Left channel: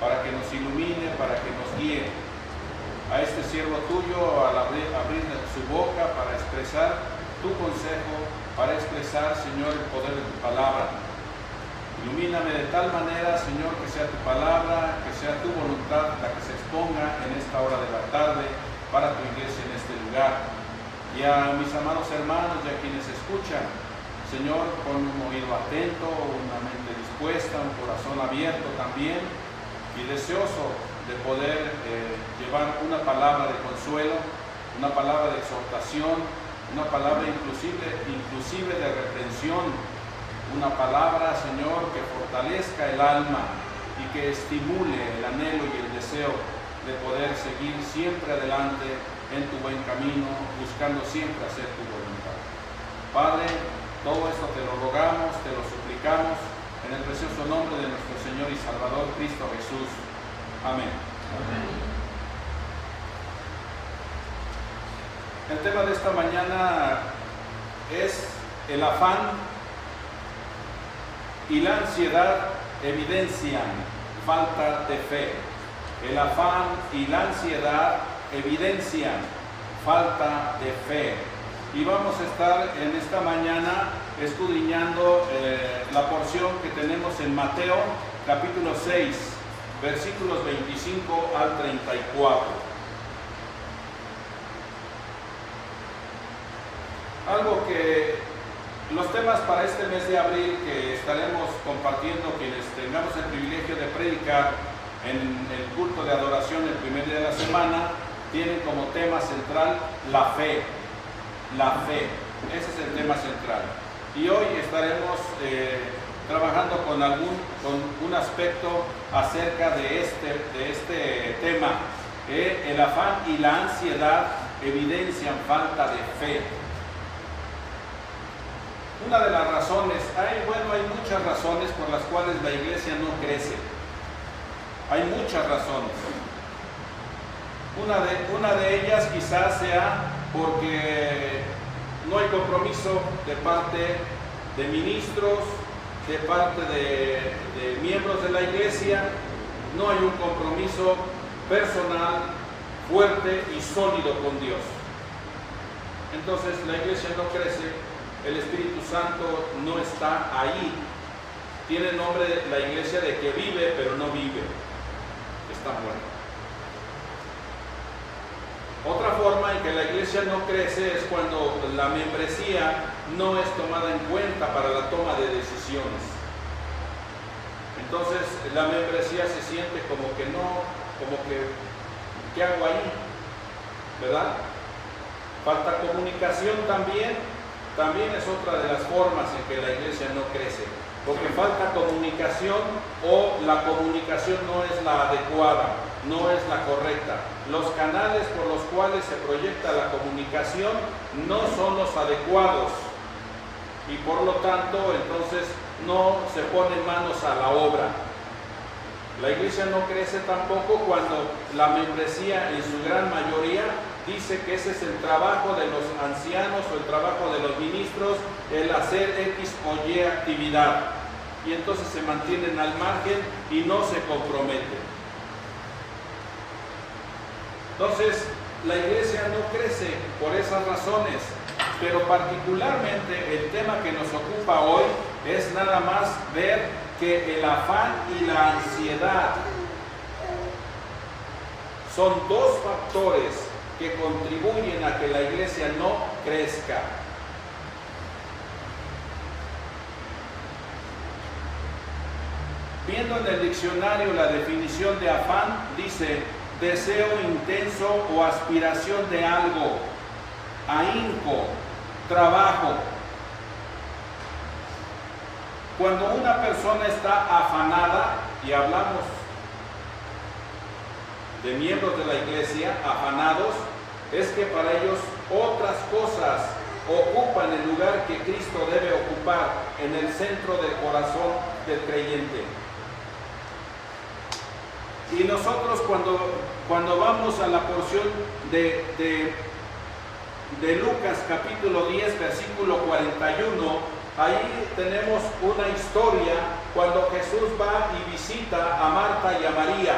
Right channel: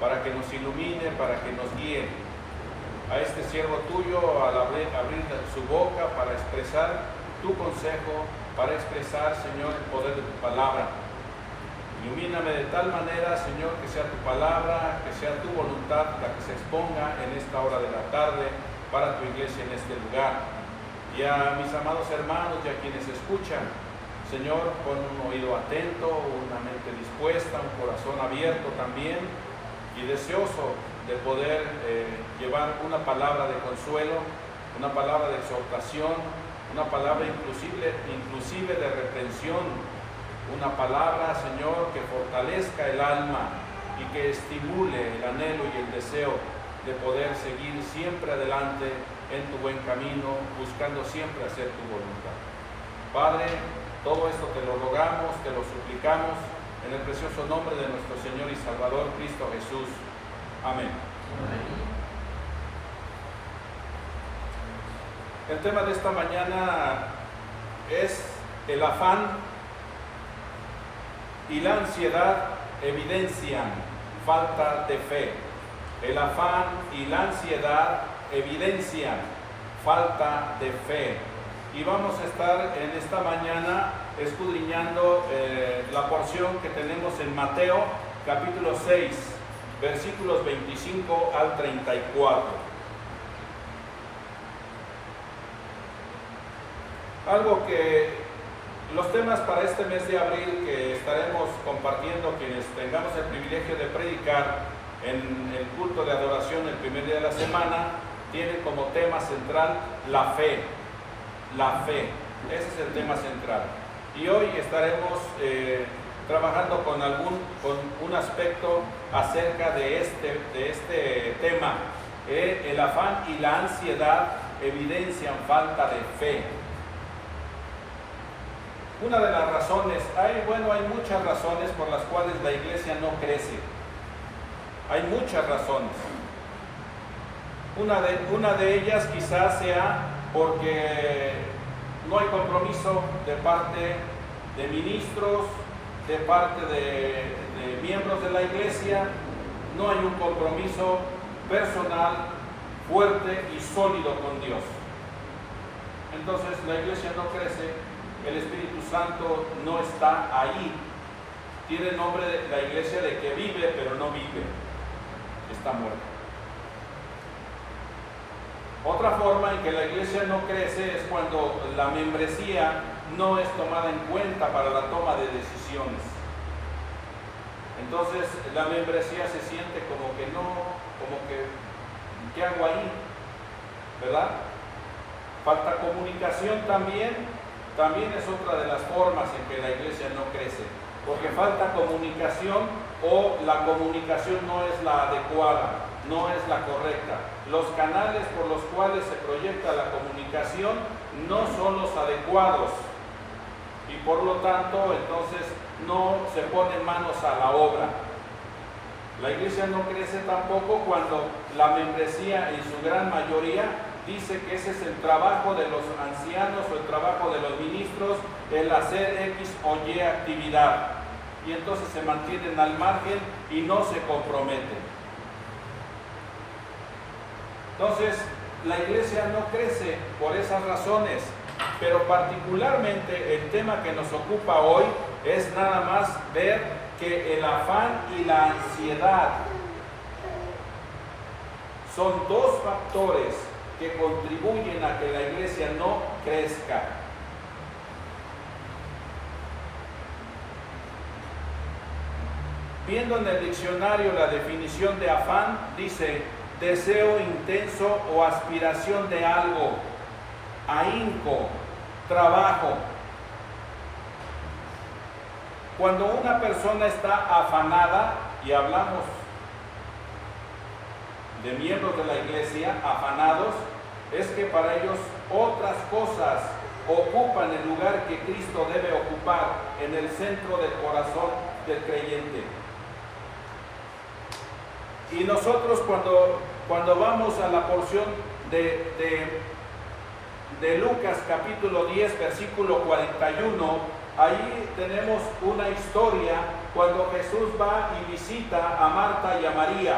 para que nos ilumine, para que nos guíe. A este siervo tuyo, al abrir su boca para expresar tu consejo, para expresar, Señor, el poder de tu palabra. Ilumíname de tal manera, Señor, que sea tu palabra, que sea tu voluntad la que se exponga en esta hora de la tarde para tu iglesia en este lugar. Y a mis amados hermanos y a quienes escuchan, Señor, con un oído atento, una mente dispuesta, un corazón abierto también y deseoso de poder llevar una palabra de consuelo, una palabra de exhortación, una palabra inclusive de reprensión, una palabra, Señor, que fortalezca el alma y que estimule el anhelo y el deseo de poder seguir siempre adelante en tu buen camino, buscando siempre hacer tu voluntad. Padre, todo esto te lo rogamos, te lo suplicamos, en el precioso nombre de nuestro Señor y Salvador, Cristo Jesús. Amén. Amén. El tema de esta mañana es el afán y la ansiedad evidencian falta de fe. El afán y la ansiedad evidencian falta de fe. Y vamos a estar en esta mañana escudriñando la porción que tenemos en Mateo capítulo 6, versículos 25 al 34. Algo que los temas para este mes de abril que estaremos compartiendo quienes tengamos el privilegio de predicar en el culto de adoración el primer día de la semana, tienen como tema central la fe. La fe, ese es el tema central. Y hoy estaremos trabajando con un aspecto acerca de este tema. El afán y la ansiedad evidencian falta de fe. Una de las razones, hay muchas razones por las cuales la iglesia no crece. Hay muchas razones. Una de ellas quizás sea porque no hay compromiso de parte de ministros, de parte de miembros de la iglesia, no hay un compromiso personal fuerte y sólido con Dios. Entonces la iglesia no crece, el Espíritu Santo no está ahí. Tiene nombre la iglesia de que vive, pero no vive, está muerta. Otra forma en que la iglesia no crece es cuando la membresía no es tomada en cuenta para la toma de decisiones. Entonces la membresía se siente ¿qué hago ahí? ¿Verdad? Falta comunicación también es otra de las formas en que la iglesia no crece, porque falta comunicación o la comunicación no es la adecuada, no es la correcta. Los canales por los cuales se proyecta la comunicación no son los adecuados y por lo tanto entonces no se ponen manos a la obra. La iglesia no crece tampoco cuando la membresía en su gran mayoría dice que ese es el trabajo de los ancianos o el trabajo de los ministros, el hacer X o Y actividad, y entonces se mantienen al margen y no se comprometen. Entonces la iglesia no crece por esas razones, pero particularmente el tema que nos ocupa hoy es nada más ver que el afán y la ansiedad son dos factores que contribuyen a que la iglesia no crezca. Viendo en el diccionario la definición de afán, dice deseo intenso o aspiración de algo, ahínco, trabajo. Cuando una persona está afanada, y hablamos de miembros de la iglesia afanados, es que para ellos otras cosas ocupan el lugar que Cristo debe ocupar en el centro del corazón del creyente. Y nosotros cuando vamos a la porción de Lucas capítulo 10 versículo 41, ahí tenemos una historia cuando Jesús va y visita a Marta y a María.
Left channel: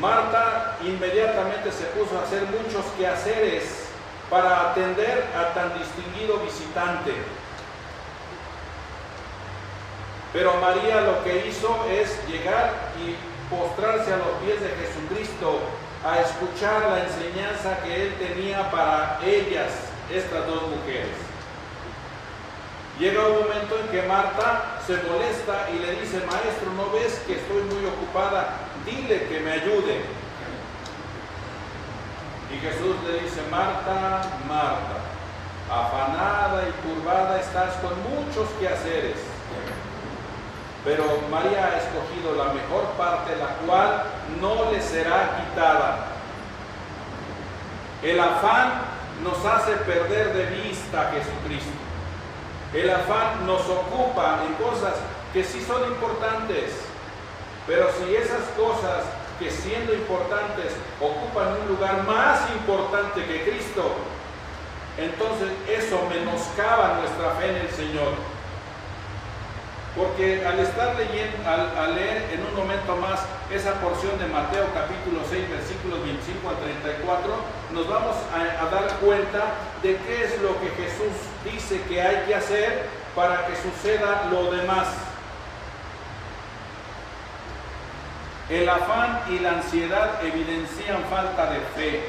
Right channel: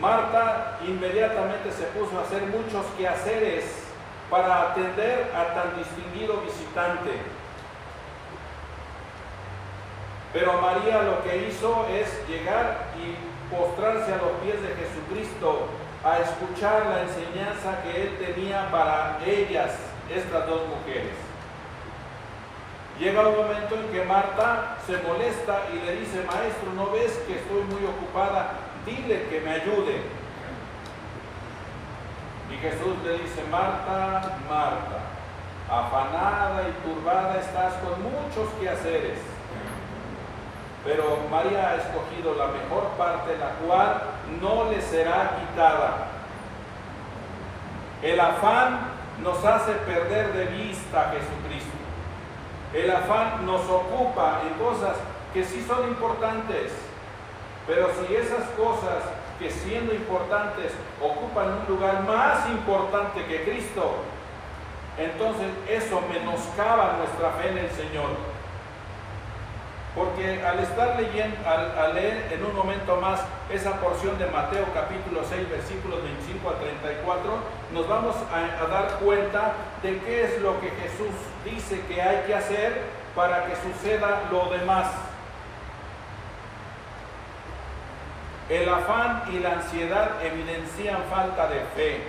Marta inmediatamente se puso a hacer muchos quehaceres para atender a tan distinguido visitante. Pero María lo que hizo es llegar y postrarse a los pies de Jesucristo a escuchar la enseñanza que Él tenía para ellas, estas dos mujeres. Llega un momento en que Marta se molesta y le dice: maestro, ¿no ves que estoy muy ocupada? Dile que me ayude. Y Jesús le dice: Marta, Marta, afanada y turbada estás con muchos quehaceres, pero María ha escogido la mejor parte, la cual no le será quitada. El afán nos hace perder de vista a Jesucristo. El afán nos ocupa en cosas que sí son importantes, pero si esas cosas que siendo importantes ocupan un lugar más importante que Cristo, entonces eso menoscaba nuestra fe en el Señor. Porque al estar leyendo, al leer en un momento más esa porción de Mateo capítulo 6, versículos 25 al 34, nos vamos a dar cuenta de qué es lo que Jesús dice que hay que hacer para que suceda lo demás. El afán y la ansiedad evidencian falta de fe.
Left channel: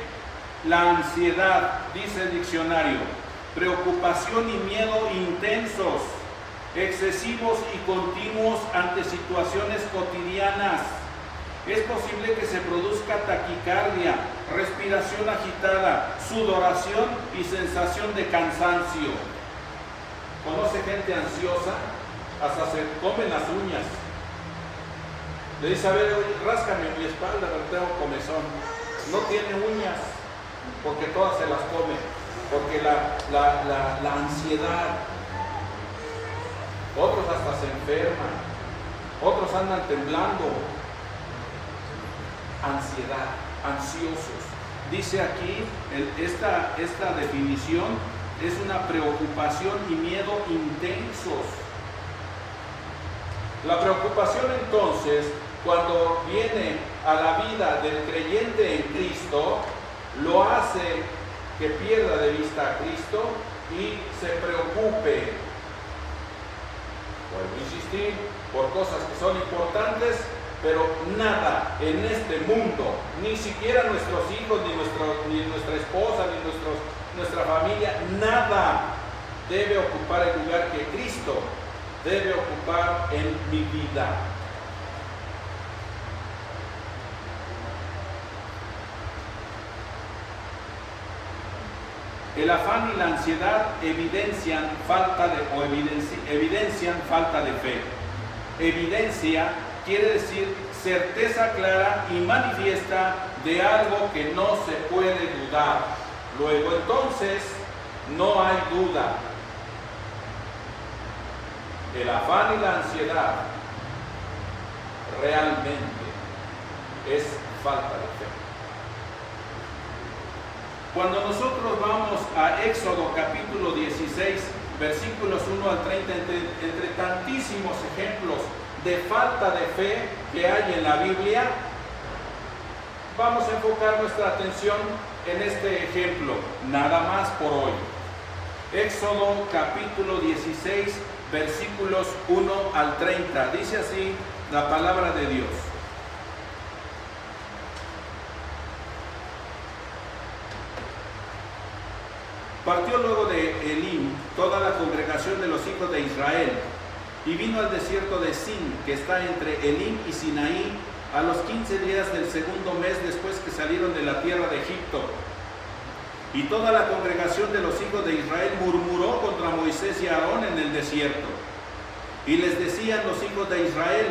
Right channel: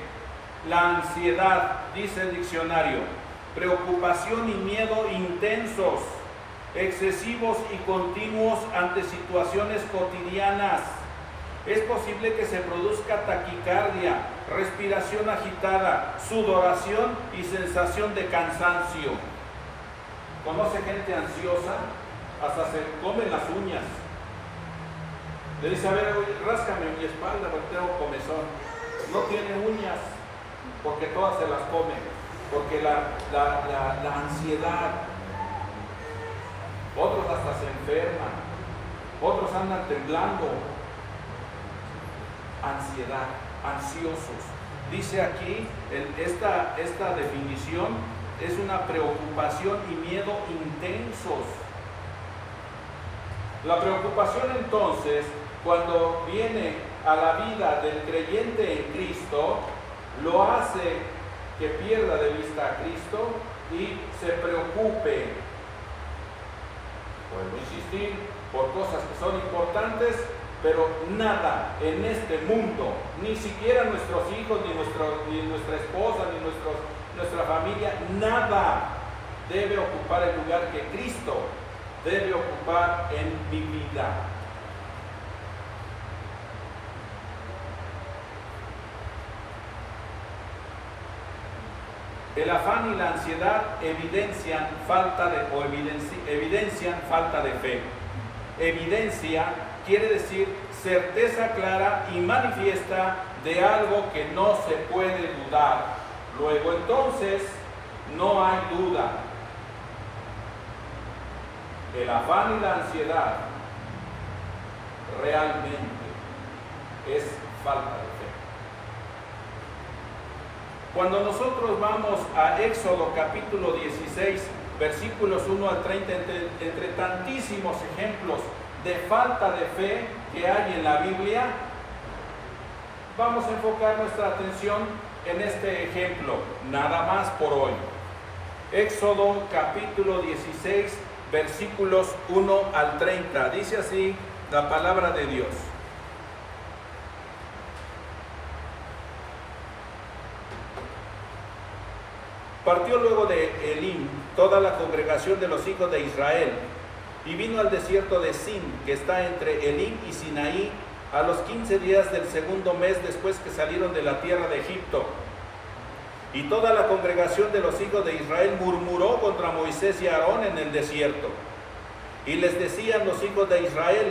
La ansiedad, dice el diccionario, preocupación y miedo intensos, excesivos y continuos ante situaciones cotidianas. Es posible que se produzca taquicardia, respiración agitada, sudoración y sensación de cansancio. ¿Conoce gente ansiosa? Hasta se comen las uñas. Le dice: a ver, oye, ráscame mi espalda porque tengo comezón. No tiene uñas porque todas se las come, porque la ansiedad. Otros hasta se enferman, otros andan temblando. Ansiedad, ansiosos. Dice aquí, esta definición es una preocupación y miedo intensos. La preocupación entonces, cuando viene a la vida del creyente en Cristo, lo hace que pierda de vista a Cristo y se preocupe, vuelvo a insistir, por cosas que son importantes, pero nada en este mundo, ni siquiera nuestros hijos, ni nuestra esposa, ni nuestra familia, nada debe ocupar el lugar que Cristo debe ocupar en mi vida. El afán y la ansiedad evidencian falta de fe. Evidencia quiere decir certeza clara y manifiesta de algo que no se puede dudar. Luego entonces no hay duda. El afán y la ansiedad realmente es falta de fe. Cuando nosotros vamos a Éxodo capítulo 16, versículos 1 al 30, entre tantísimos ejemplos de falta de fe que hay en la Biblia, vamos a enfocar nuestra atención en este ejemplo, nada más por hoy. Éxodo capítulo 16, versículos 1 al 30, dice así la palabra de Dios. Partió luego de Elim toda la congregación de los hijos de Israel y vino al desierto de Sin, que está entre Elim y Sinaí, a los 15 días del segundo mes después que salieron de la tierra de Egipto. Y toda la congregación de los hijos de Israel murmuró contra Moisés y Aarón en el desierto. Y les decían los hijos de Israel:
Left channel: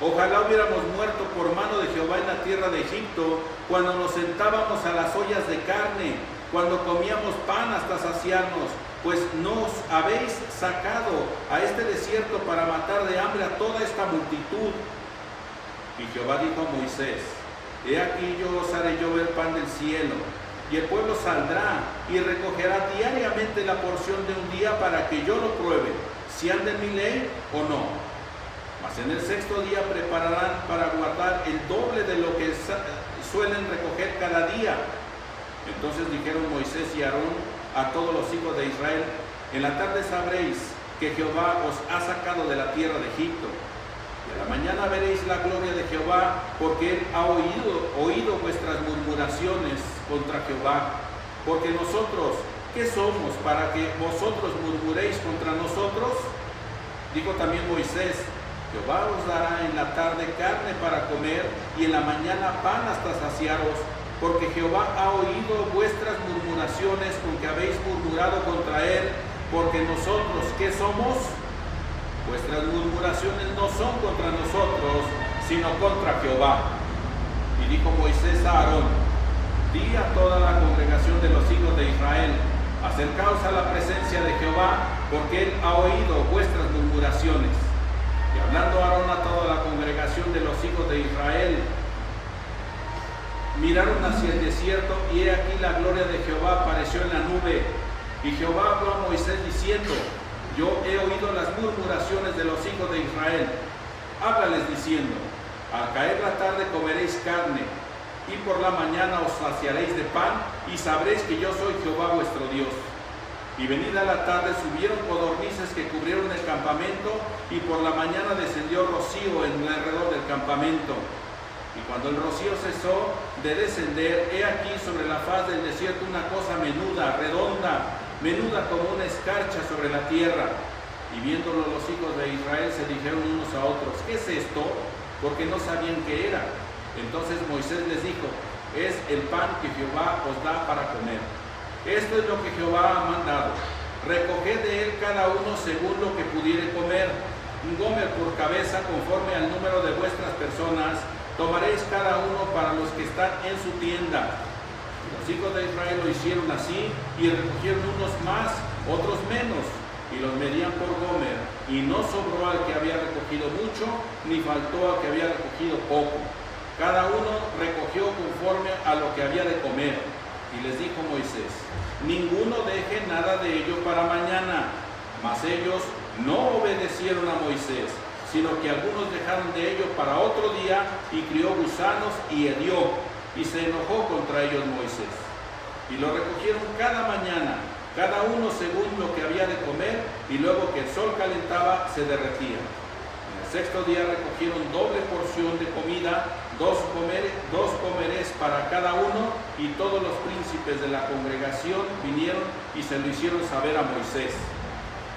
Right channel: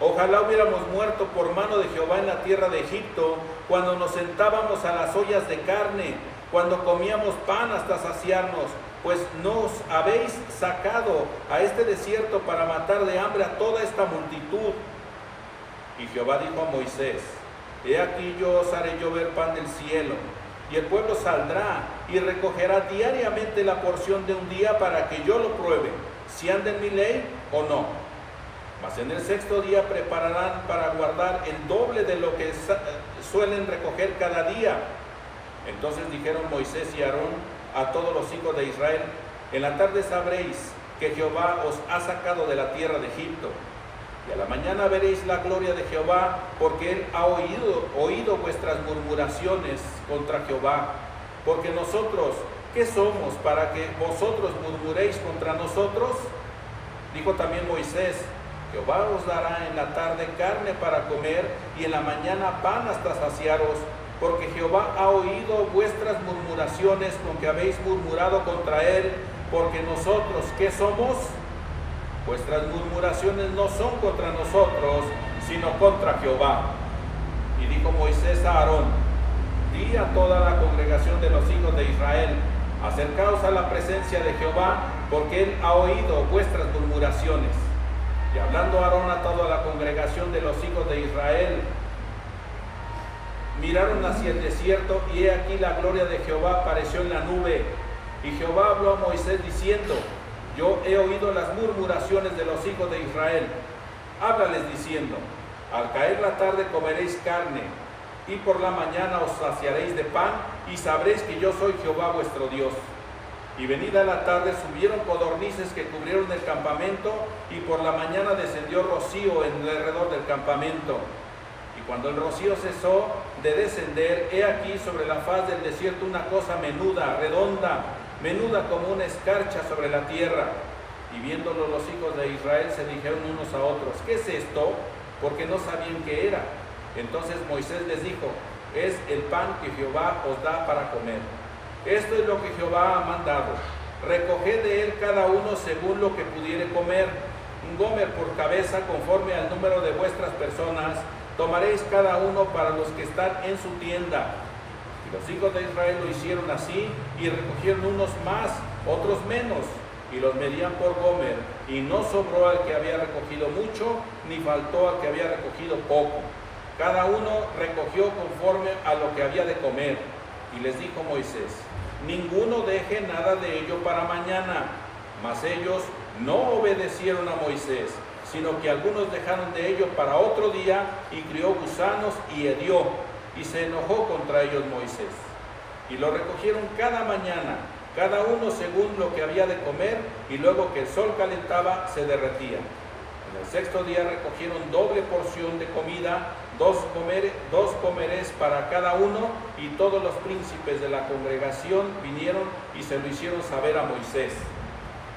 ojalá hubiéramos muerto por mano de Jehová en la tierra de Egipto, cuando nos sentábamos a las ollas de carne, cuando comíamos pan hasta saciarnos, pues nos habéis sacado a este desierto para matar de hambre a toda esta multitud. Y Jehová dijo a Moisés: he aquí yo os haré llover pan del cielo, y el pueblo saldrá y recogerá diariamente la porción de un día para que yo lo pruebe, si anda en mi ley o no. Mas en el sexto día prepararán para guardar el doble de lo que suelen recoger cada día. Entonces dijeron Moisés y Aarón a todos los hijos de Israel: en la tarde sabréis que Jehová os ha sacado de la tierra de Egipto. Y a la mañana veréis la gloria de Jehová, porque él ha oído vuestras murmuraciones contra Jehová. Porque nosotros, ¿qué somos para que vosotros murmuréis contra nosotros? Dijo también Moisés: Jehová os dará en la tarde carne para comer, y en la mañana pan hasta saciaros, porque Jehová ha oído vuestras murmuraciones con que habéis murmurado contra él. Porque nosotros, ¿qué somos? Vuestras murmuraciones no son contra nosotros, sino contra Jehová. Y dijo Moisés a Aarón: di a toda la congregación de los hijos de Israel: acercaos a la presencia de Jehová, porque él ha oído vuestras murmuraciones. Y hablando Aarón a toda la congregación de los hijos de Israel, miraron hacia el desierto, y he aquí la gloria de Jehová apareció en la nube. Y Jehová habló a Moisés diciendo: yo he oído las murmuraciones de los hijos de Israel. Háblales diciendo: al caer la tarde comeréis carne, y por la mañana os saciaréis de pan, y sabréis que yo soy Jehová vuestro Dios. Y venida la tarde subieron codornices que cubrieron el campamento, y por la mañana descendió rocío en alrededor del campamento. Y cuando el rocío cesó de descender, he aquí sobre la faz del desierto una cosa menuda, redonda, menuda como una escarcha sobre la tierra. Y viéndolo los hijos de Israel se dijeron unos a otros: ¿qué es esto? Porque no sabían qué era. Entonces Moisés les dijo: es el pan que Jehová os da para comer. Esto es lo que Jehová ha mandado: recoged de él cada uno según lo que pudiere comer, un gomer por cabeza conforme al número de vuestras personas. Tomaréis cada uno para los que están en su tienda. Y los hijos de Israel lo hicieron así, y recogieron unos más, otros menos, y los medían por gomer. Y no sobró al que había recogido mucho, ni faltó al que había recogido poco. Cada uno recogió conforme a lo que había de comer. Y les dijo Moisés: ninguno deje nada de ello para mañana. Mas ellos no obedecieron a Moisés, sino que algunos dejaron de ello para otro día, y crió gusanos y hedió, y se enojó contra ellos Moisés. Y lo recogieron cada mañana, cada uno según lo que había de comer, y luego que el sol calentaba, se derretían. En el sexto día recogieron doble porción de comida, dos comeres para cada uno, y todos los príncipes de la congregación vinieron y se lo hicieron saber a Moisés.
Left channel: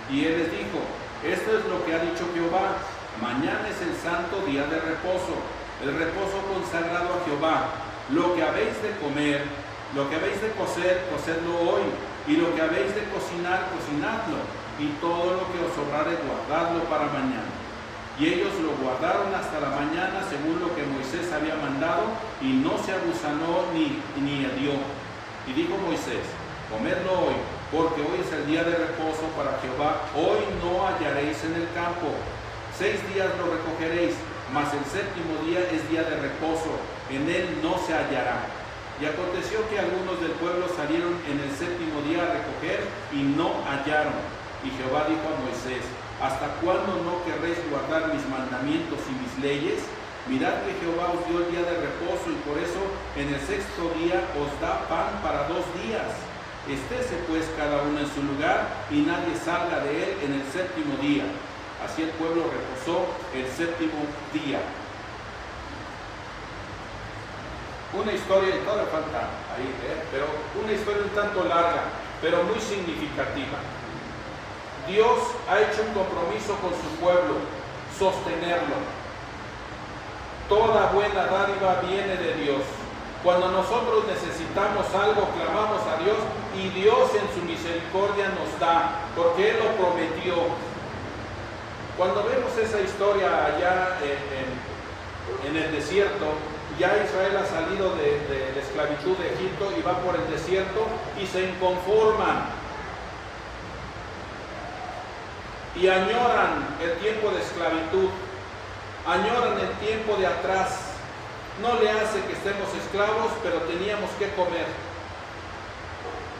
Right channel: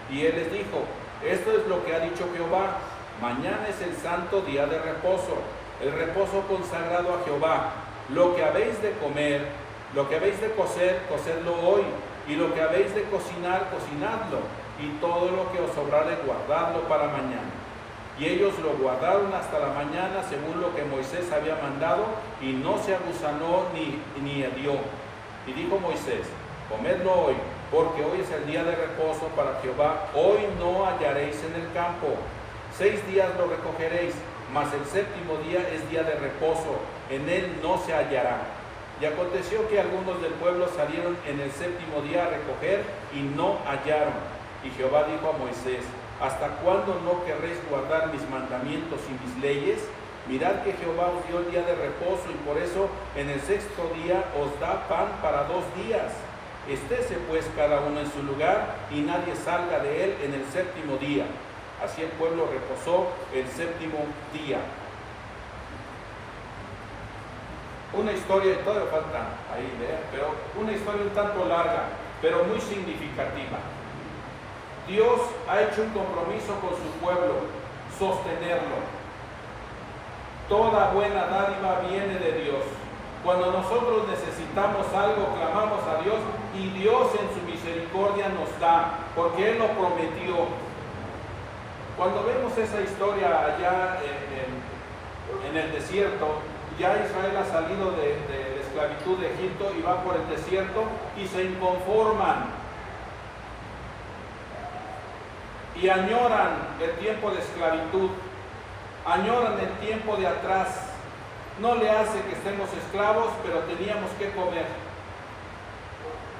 Y él les dijo: esto es lo que ha dicho Jehová: mañana es el santo día de reposo, el reposo consagrado a Jehová. Lo que habéis de comer, lo que habéis de cocer, cocedlo hoy, y lo que habéis de cocinar, cocinadlo, y todo lo que os sobrare, guardadlo para mañana. Y ellos lo guardaron hasta la mañana según lo que Moisés había mandado, y no se agusanó ni hedió. Y dijo Moisés: comedlo hoy, porque hoy es el día de reposo para Jehová. Hoy no hallaréis en el campo. 6 días lo recogeréis, mas el séptimo día es día de reposo, en él no se hallará. Y aconteció que algunos del pueblo salieron en el séptimo día a recoger, y no hallaron. Y Jehová dijo a Moisés: ¿hasta cuándo no querréis guardar mis mandamientos y mis leyes? Mirad que Jehová os dio el día de reposo, y por eso en el sexto día os da pan para 2 días. Estése pues cada uno en su lugar, y nadie salga de él en el séptimo día. Así el pueblo reposó el séptimo día. Una historia, y todavía falta ahí ver, pero una historia un tanto larga, pero muy significativa. Dios ha hecho un compromiso con su pueblo: sostenerlo. Toda buena dádiva viene de Dios. Cuando nosotros necesitamos algo, clamamos a Dios, y Dios en su misericordia nos da, porque Él lo prometió. Cuando vemos esa historia allá en el desierto, ya Israel ha salido de la esclavitud de Egipto y va por el desierto, y se inconforman y añoran el tiempo de esclavitud, añoran el tiempo de atrás. No le hace que estemos esclavos, pero teníamos que comer.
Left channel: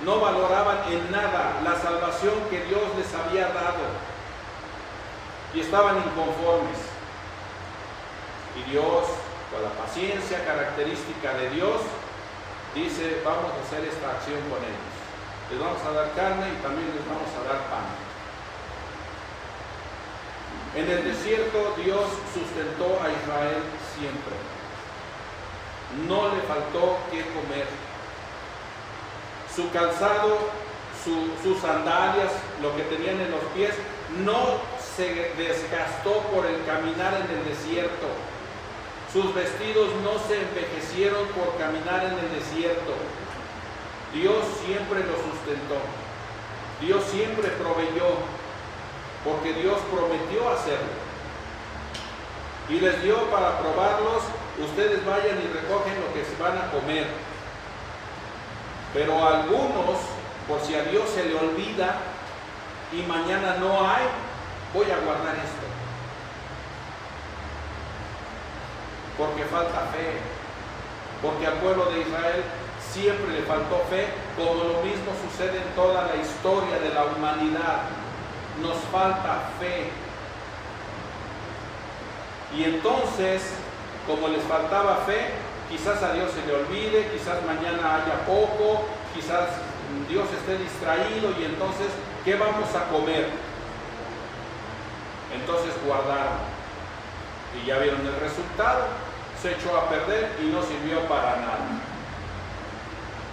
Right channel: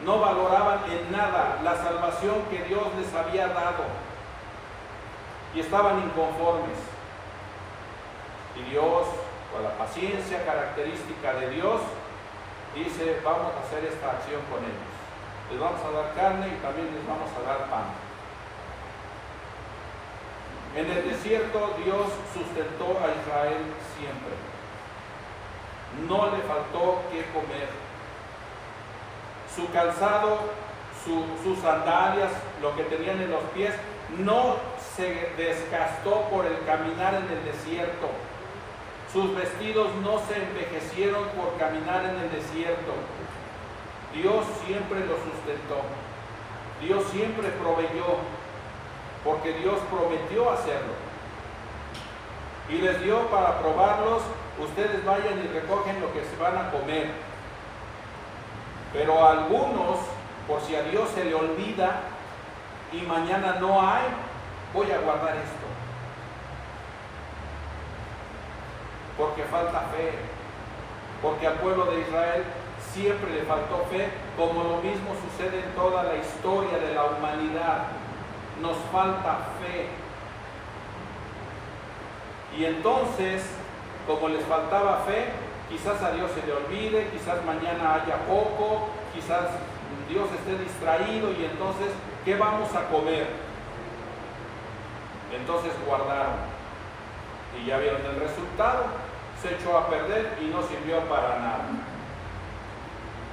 No valoraban en nada la salvación que Dios les había dado. y estaban inconformes. Y Dios, con la paciencia característica de Dios, dice, vamos a hacer esta acción con ellos. Les vamos a dar carne y también les vamos a dar pan. En el desierto Dios sustentó a Israel siempre. No le faltó qué comer. Su calzado, sus sandalias, lo que tenían en los pies, no se desgastó por el caminar en el desierto. Sus vestidos no se envejecieron por caminar en el desierto. Dios siempre lo sustentó. Dios siempre proveyó, porque Dios prometió hacerlo. Y les dio para probarlos, ustedes vayan y recogen lo que se van a comer. Pero a algunos, por si a Dios se le olvida y mañana no hay, voy a guardar esto. Porque falta fe. Porque al pueblo de Israel siempre le faltó fe, como lo mismo sucede en toda la historia de la humanidad. Nos falta fe. Y entonces, como les faltaba fe, quizás a Dios se le olvide, quizás mañana haya poco, quizás Dios esté distraído y entonces, ¿qué vamos a comer? Entonces guardaron. Y ya vieron el resultado, se echó a perder y no sirvió para nada.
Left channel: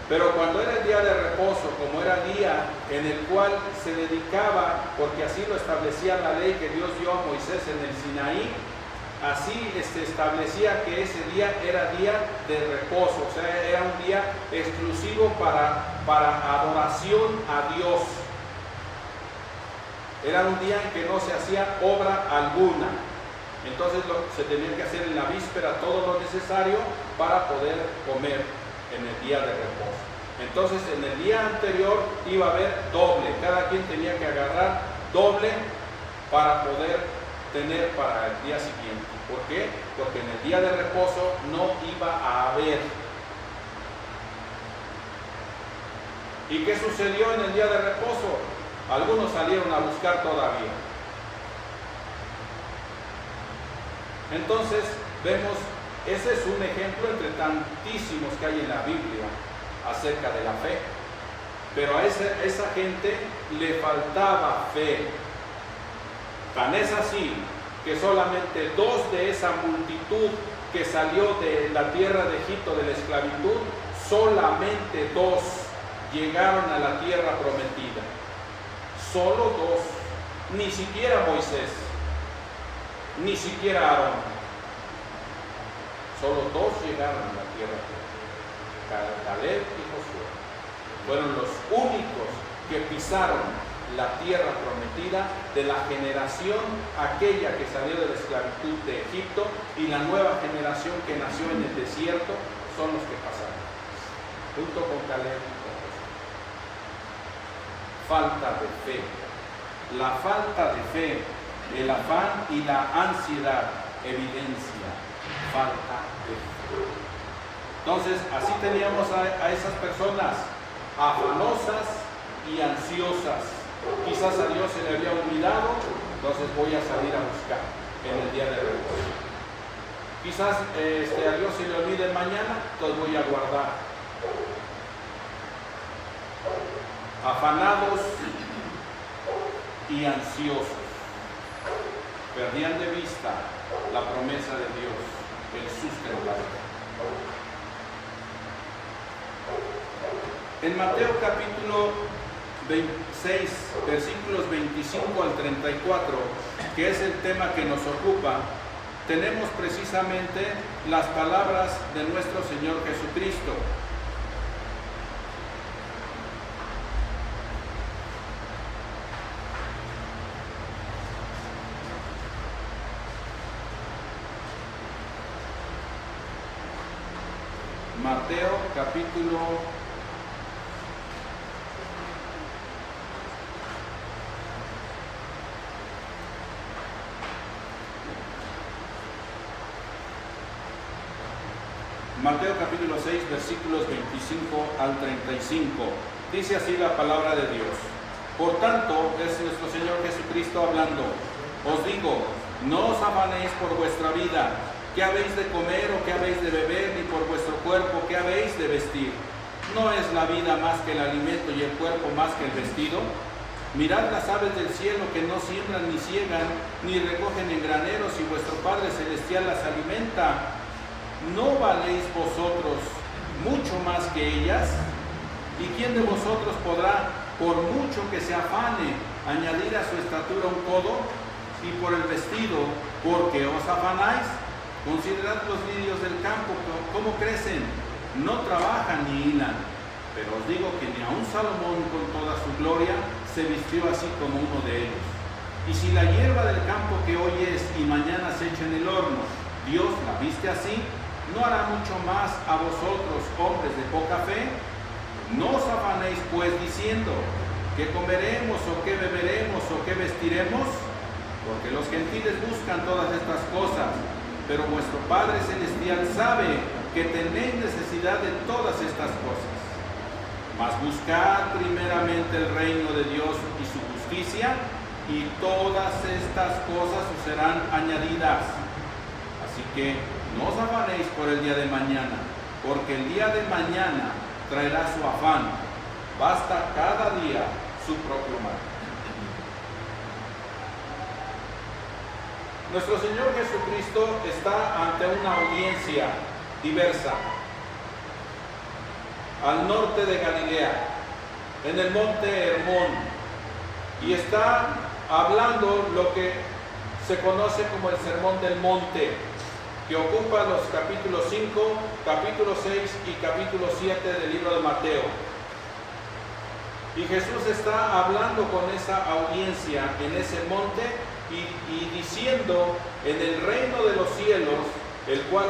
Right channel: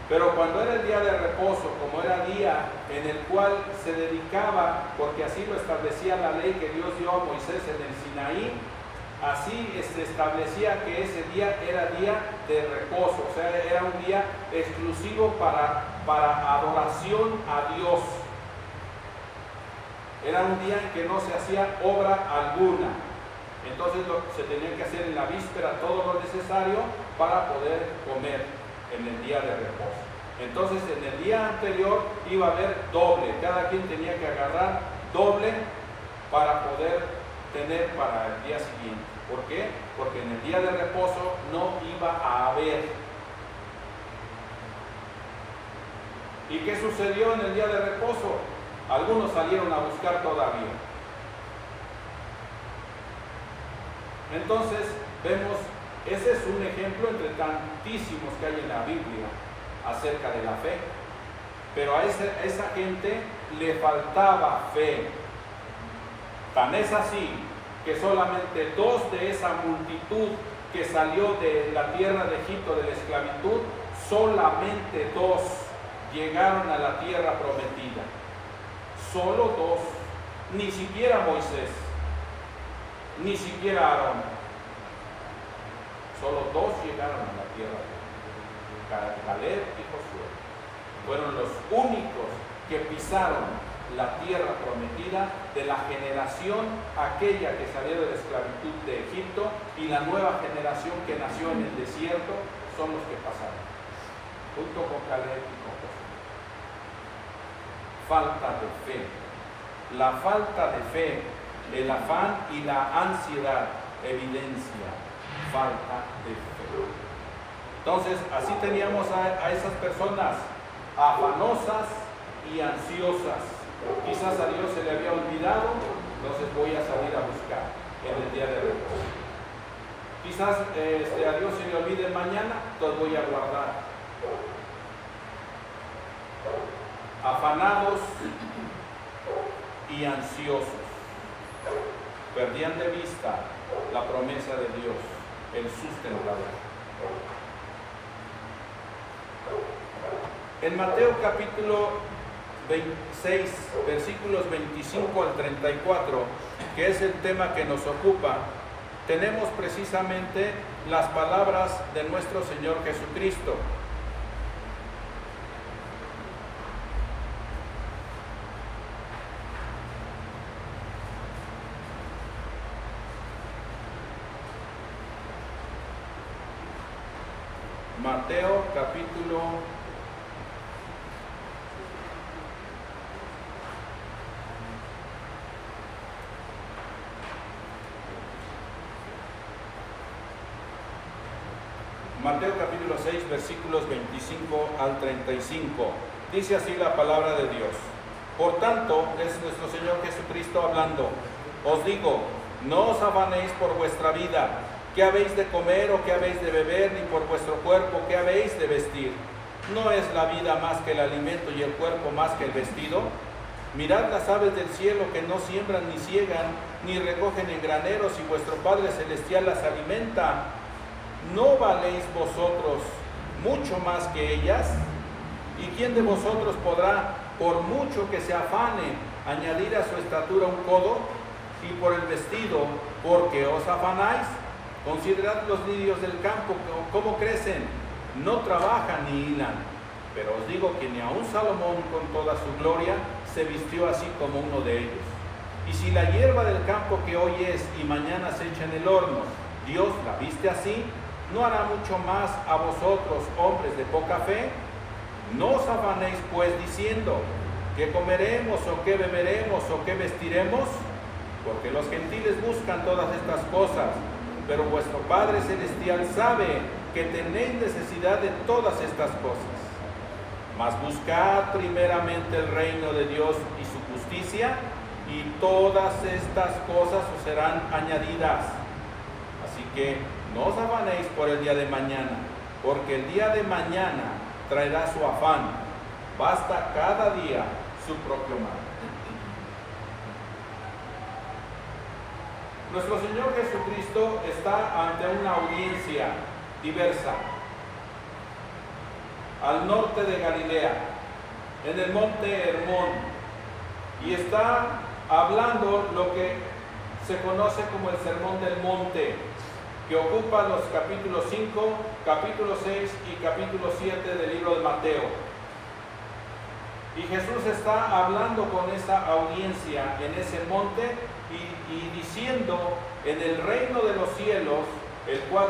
Pero cuando era el día de reposo, como era día en el cual se dedicaba, porque así lo establecía la ley que Dios dio a Moisés en el Sinaí, así se establecía que ese día era día de reposo, o sea, era un día exclusivo para adoración a Dios. Era un día en que no se hacía obra alguna. Entonces se tenía que hacer en la víspera todo lo necesario para poder comer en el día de reposo. Entonces en el día anterior iba a haber doble, cada quien tenía que agarrar doble para poder tener para el día siguiente. ¿Por qué? Porque en el día de reposo no iba a haber. ¿Y qué sucedió en el día de reposo? Algunos salieron a buscar todavía. Entonces vemos, ese es un ejemplo entre tantísimos que hay en la Biblia acerca de la fe. Pero a esa gente le faltaba fe. Tan es así que solamente 2 de esa multitud que salió de la tierra de Egipto, de la esclavitud, solamente 2 llegaron a la tierra prometida. Solo 2, ni siquiera Moisés, ni siquiera Aarón. Solo 2 llegaron a la tierra. Caleb y Josué fueron los únicos que pisaron la tierra prometida de la generación aquella que salió de la esclavitud de Egipto, y la nueva generación que nació en el desierto son los que pasaron, junto con Caleb y con Josué. Falta de fe. La falta de fe, el afán y la ansiedad evidencia falta de fe. Entonces, así teníamos a esas personas afanosas y ansiosas. Quizás a Dios se le había olvidado, entonces voy a salir a buscar en el día de reposo. Quizás a Dios se le olvide mañana, los voy a guardar. Afanados y ansiosos. Perdían de vista la promesa de Dios, el sustentador. En Mateo capítulo 26, versículos 25 al 34, que es el tema que nos ocupa, tenemos precisamente las palabras de nuestro Señor Jesucristo. Mateo capítulo 6, versículos 25 al 35. Dice así la palabra de Dios. Por tanto, es nuestro Señor Jesucristo hablando: Os digo, no os afanéis por vuestra vida, qué habéis de comer o qué habéis de beber, ni por vuestro cuerpo, qué habéis de vestir. ¿No es la vida más que el alimento y el cuerpo más que el vestido? Mirad las aves del cielo, que no siembran ni ciegan, ni recogen en graneros, y vuestro Padre Celestial las alimenta. ¿No valéis vosotros mucho más que ellas? ¿Y quién de vosotros podrá, por mucho que se afane, añadir a su estatura un codo? Y por el vestido, ¿por qué os afanáis? Considerad los lirios del campo, cómo crecen, no trabajan ni hilan. Pero os digo que ni aun Salomón con toda su gloria se vistió así como uno de ellos. Y si la hierba del campo que hoy es y mañana se echa en el horno, Dios la viste así, ¿no hará mucho más a vosotros, hombres de poca fe? No os afanéis pues diciendo, ¿qué comeremos o qué beberemos o qué vestiremos? Porque los gentiles buscan todas estas cosas, pero vuestro Padre Celestial sabe que tenéis necesidad de todas estas cosas. Mas buscad primeramente el reino de Dios y su justicia, y todas estas cosas os serán añadidas. Así que no os afanéis por el día de mañana, porque el día de mañana traerá su afán. Basta cada día su propio mal. Nuestro Señor Jesucristo está ante una audiencia diversa, al norte de Galilea, en el monte Hermón, y está hablando lo que se conoce como el Sermón del Monte, que ocupa los capítulos 5, capítulo 6 y capítulo 7 del libro de Mateo. Y Jesús está hablando con esa audiencia en ese monte y diciendo, en el reino de los cielos, el cual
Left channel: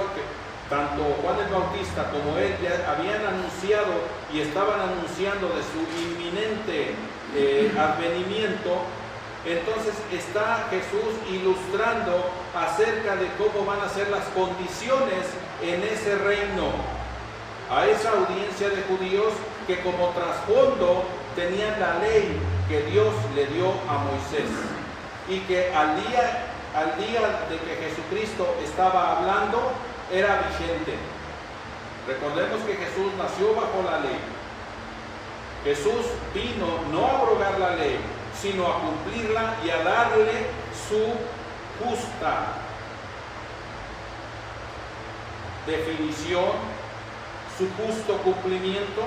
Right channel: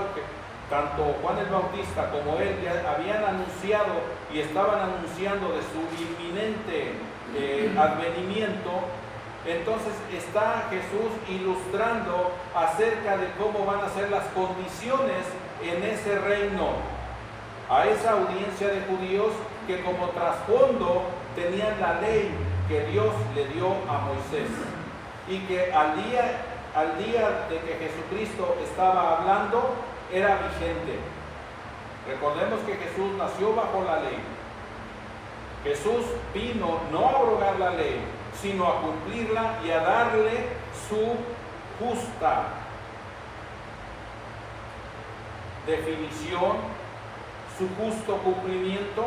tanto Juan el Bautista como él ya habían anunciado y estaban anunciando de su inminente advenimiento. Entonces está Jesús ilustrando acerca de cómo van a ser las condiciones en ese reino, a esa audiencia de judíos que como trasfondo tenían la ley que Dios le dio a Moisés, y que al día de que Jesucristo estaba hablando era vigente. Recordemos que Jesús nació bajo la ley. Jesús vino no a abrogar la ley, sino a cumplirla y a darle su justa definición, su justo cumplimiento.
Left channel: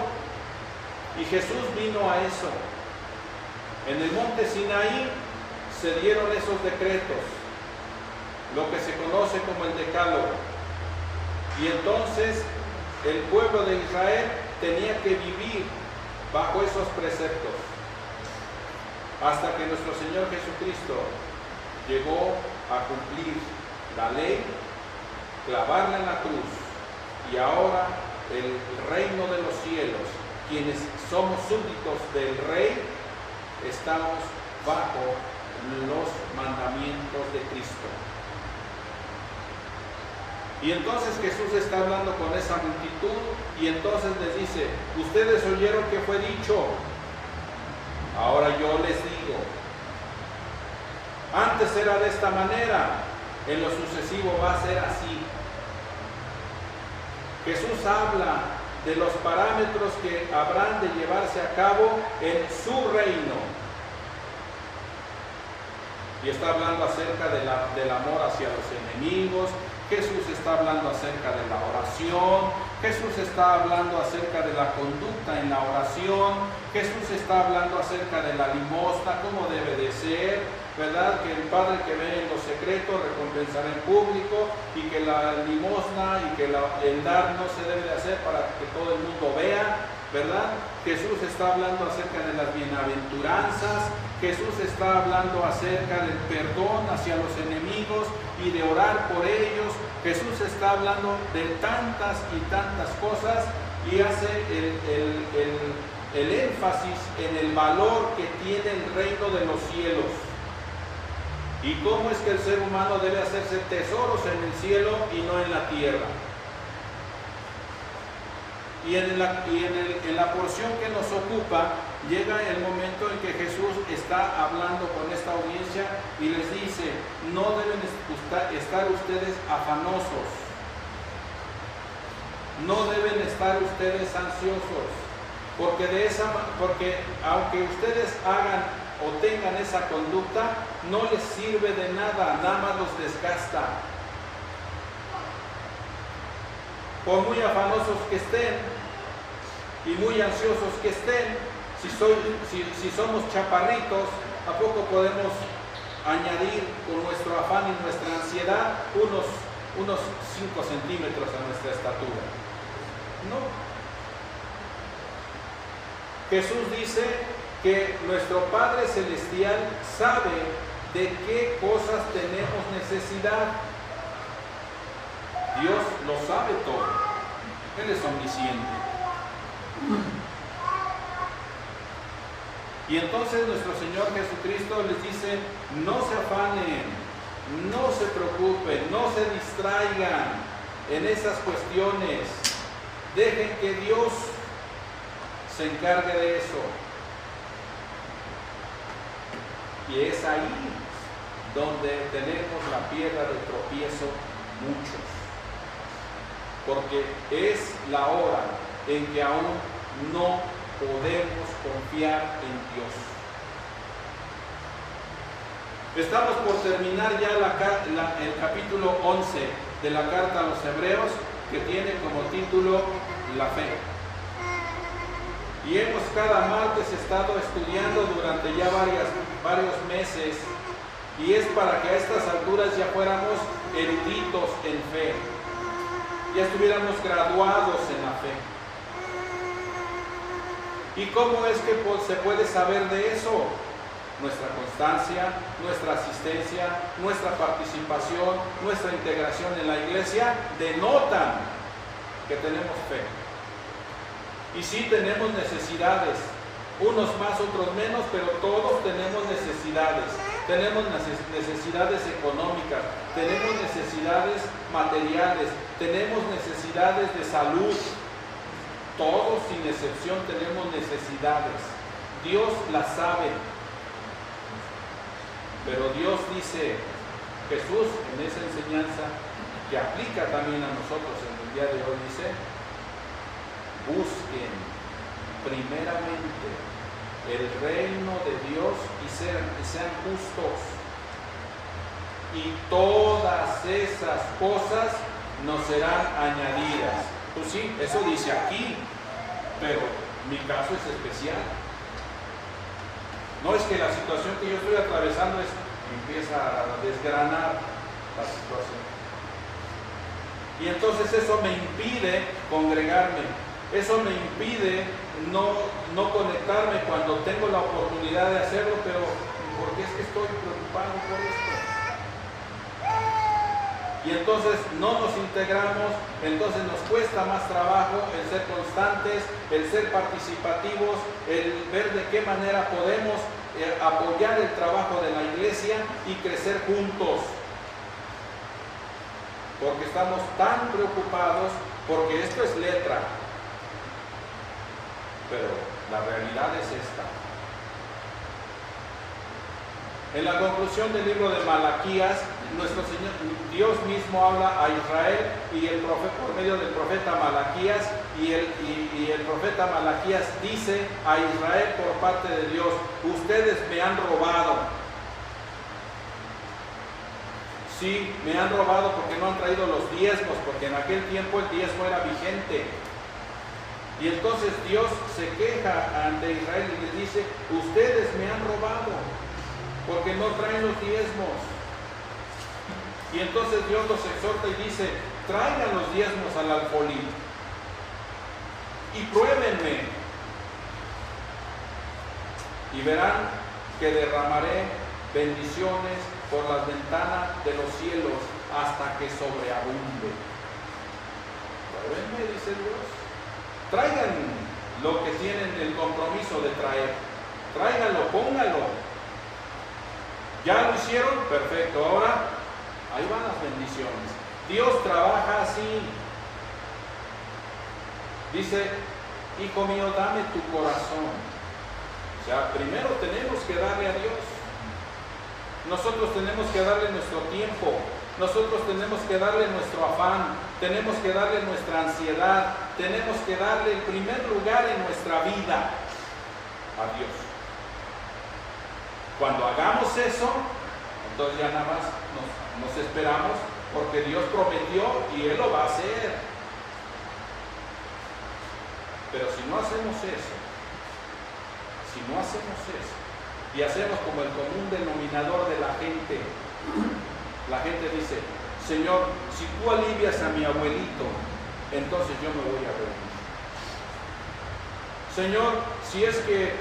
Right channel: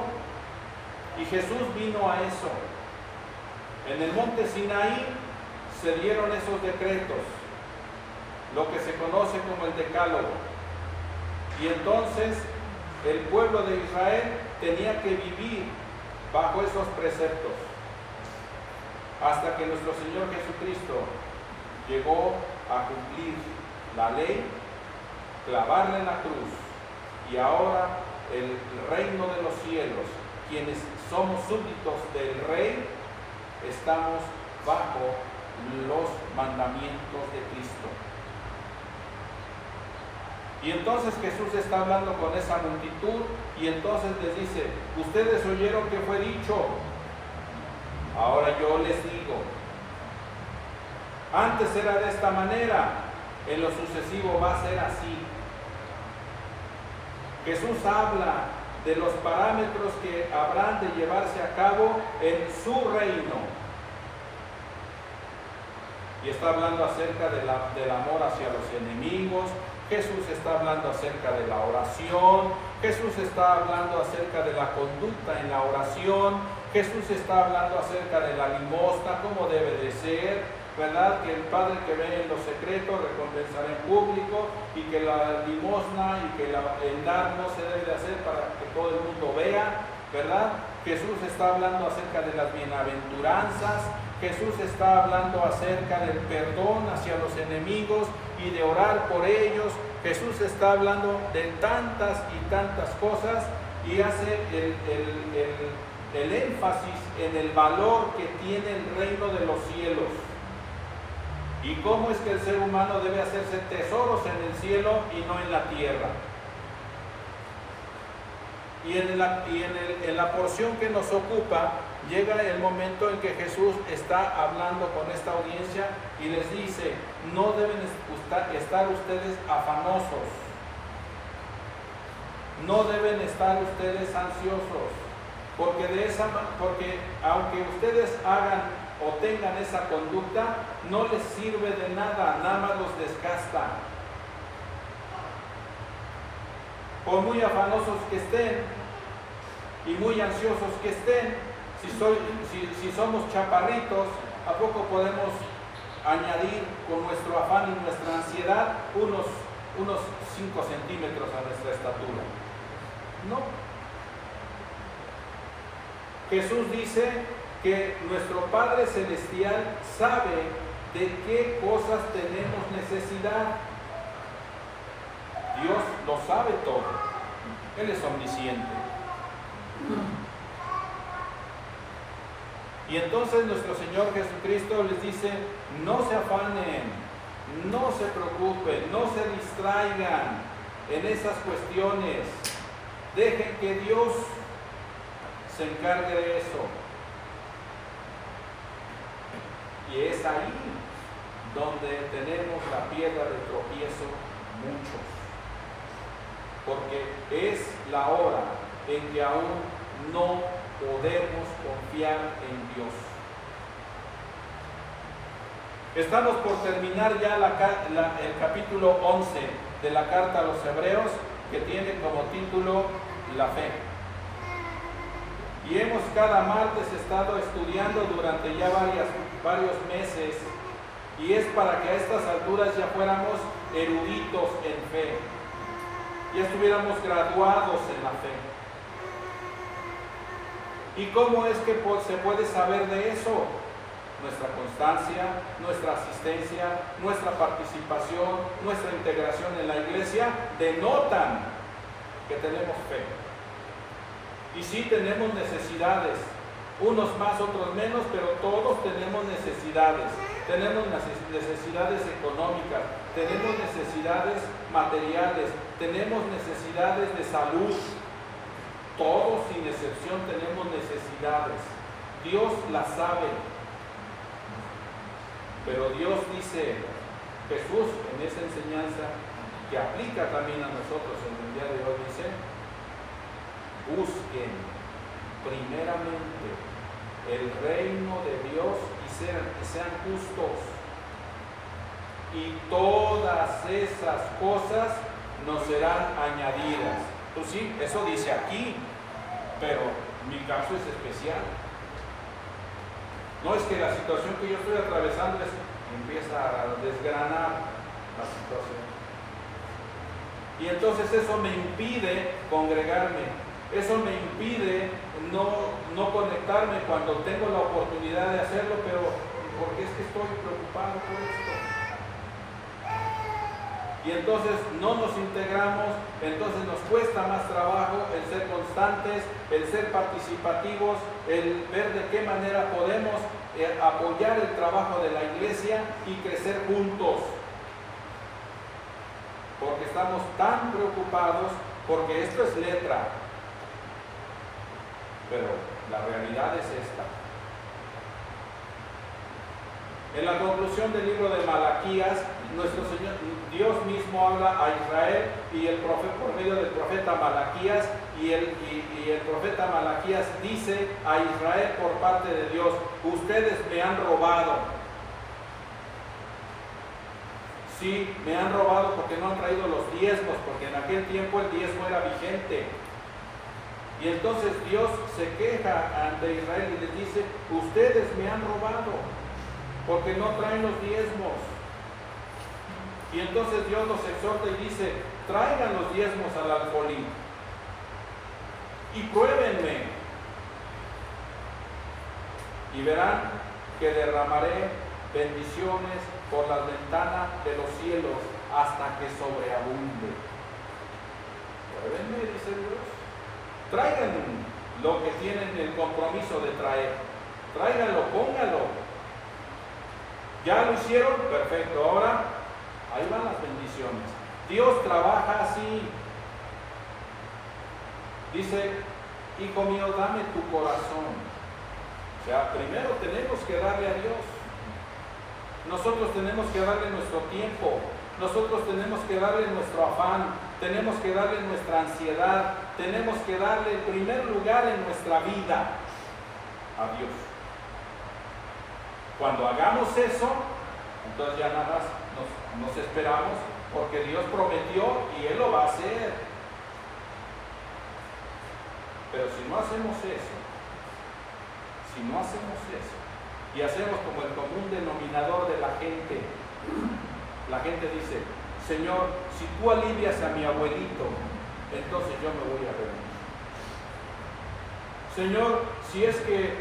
Y Jesús vino a eso. En el monte Sinaí se dieron esos decretos, lo que se conoce como el Decálogo. Y entonces el pueblo de Israel tenía que vivir bajo esos preceptos, hasta que nuestro Señor Jesucristo llegó a cumplir la ley, clavarla en la cruz, y ahora el reino de los cielos, quienes somos súbditos del Rey, estamos bajo los mandamientos de Cristo. Y entonces Jesús está hablando con esa multitud y entonces les dice, ustedes oyeron que fue dicho, ahora yo les digo, antes era de esta manera, en lo sucesivo va a ser así. Jesús habla de los parámetros que habrán de llevarse a cabo en su reino. Y está hablando acerca del amor hacia los enemigos. Jesús está hablando acerca de la oración. Jesús está hablando acerca de la conducta en la oración. Jesús está hablando acerca de la limosna, cómo debe de ser, ¿verdad? Que el Padre que ve en lo secreto recompensará en público, y que la limosna y que el dar no se debe de hacer para que todo el mundo vea, ¿verdad? Jesús está hablando acerca de las bienaventuranzas. Jesús está hablando acerca del perdón hacia los enemigos y de orar por ellos. Jesús está hablando de tantas y tantas cosas y hace el énfasis en el valor que tiene el reino de los cielos. Y cómo es que el ser humano debe hacerse tesoros en el cielo y no en la tierra. Y en la porción que nos ocupa, llega el momento en que Jesús está hablando con esta audiencia y les dice, no deben estar ustedes afanosos, no deben estar ustedes ansiosos, porque aunque ustedes hagan o tengan esa conducta, no les sirve de nada, nada más los desgasta. Por muy afanosos que estén y muy ansiosos que estén, si somos chaparritos, ¿a poco podemos añadir con nuestro afán y nuestra ansiedad unos 5 centímetros a nuestra estatura? No. Jesús dice que nuestro Padre Celestial sabe de qué cosas tenemos necesidad. Dios lo sabe todo. Él es omnisciente. Y entonces nuestro Señor Jesucristo les dice, no se afanen, no se preocupen, no se distraigan en esas cuestiones. Dejen que Dios se encargue de eso. Y es ahí donde tenemos la piedra de tropiezo muchos. Porque es la hora en que aún no podemos confiar en Dios. Estamos por terminar ya el capítulo 11 de la carta a los Hebreos, que tiene como título La fe. Y hemos cada martes estado estudiando durante ya varios meses, y es para que a estas alturas ya fuéramos eruditos en fe, ya estuviéramos graduados en la fe. ¿Y cómo es que se puede saber de eso? Nuestra constancia, nuestra asistencia, nuestra participación, nuestra integración en la iglesia denotan que tenemos fe. Y sí tenemos necesidades, unos más, otros menos, pero todos tenemos necesidades. Tenemos necesidades económicas, tenemos necesidades materiales, tenemos necesidades de salud. Todos sin excepción tenemos necesidades. Dios las sabe. Pero Dios dice, Jesús en esa enseñanza que aplica también a nosotros en el día de hoy, dice, busquen primeramente el reino de Dios y sean justos, y todas esas cosas nos serán añadidas. Pues sí, eso dice aquí, pero mi caso es especial. No es que la situación que yo estoy atravesando empieza a desgranar la situación. Y entonces eso me impide congregarme, eso me impide no conectarme cuando tengo la oportunidad de hacerlo, pero ¿por qué es que estoy preocupado por esto? Y entonces no nos integramos, entonces nos cuesta más trabajo el ser constantes, el ser participativos, el ver de qué manera podemos apoyar el trabajo de la iglesia y crecer juntos. Porque estamos tan preocupados, porque esto es letra, pero la realidad es esta. En la conclusión del libro de Malaquías, nuestro Señor, Dios mismo habla a Israel y el profeta, por medio del profeta Malaquías, y el profeta Malaquías dice a Israel por parte de Dios: ustedes me han robado. Sí, me han robado porque no han traído los diezmos, porque en aquel tiempo el diezmo era vigente. Y entonces Dios se queja ante Israel y les dice: ustedes me han robado porque no traen los diezmos. Y entonces Dios los exhorta y dice: traigan los diezmos al alfolí y pruébenme, y verán que derramaré bendiciones por las ventanas de los cielos hasta que sobreabunde. Pruébenme, dice Dios. Traigan lo que tienen el compromiso de traer. Tráiganlo, pónganlo. ¿Ya lo hicieron? Perfecto. Ahora, ahí van las bendiciones. Dios trabaja así. Dice: hijo mío, dame tu corazón. O sea, primero tenemos que darle a Dios. Nosotros tenemos que darle nuestro tiempo. Nosotros tenemos que darle nuestro afán. Tenemos que darle nuestra ansiedad. Tenemos que darle el primer lugar en nuestra vida a Dios. Cuando hagamos eso, entonces ya nada más nos esperamos, porque Dios prometió y Él lo va a hacer. Pero si no hacemos eso, y hacemos como el común denominador de la gente dice: Señor, si tú alivias a mi abuelito, entonces yo me voy a dormir. Señor, si es que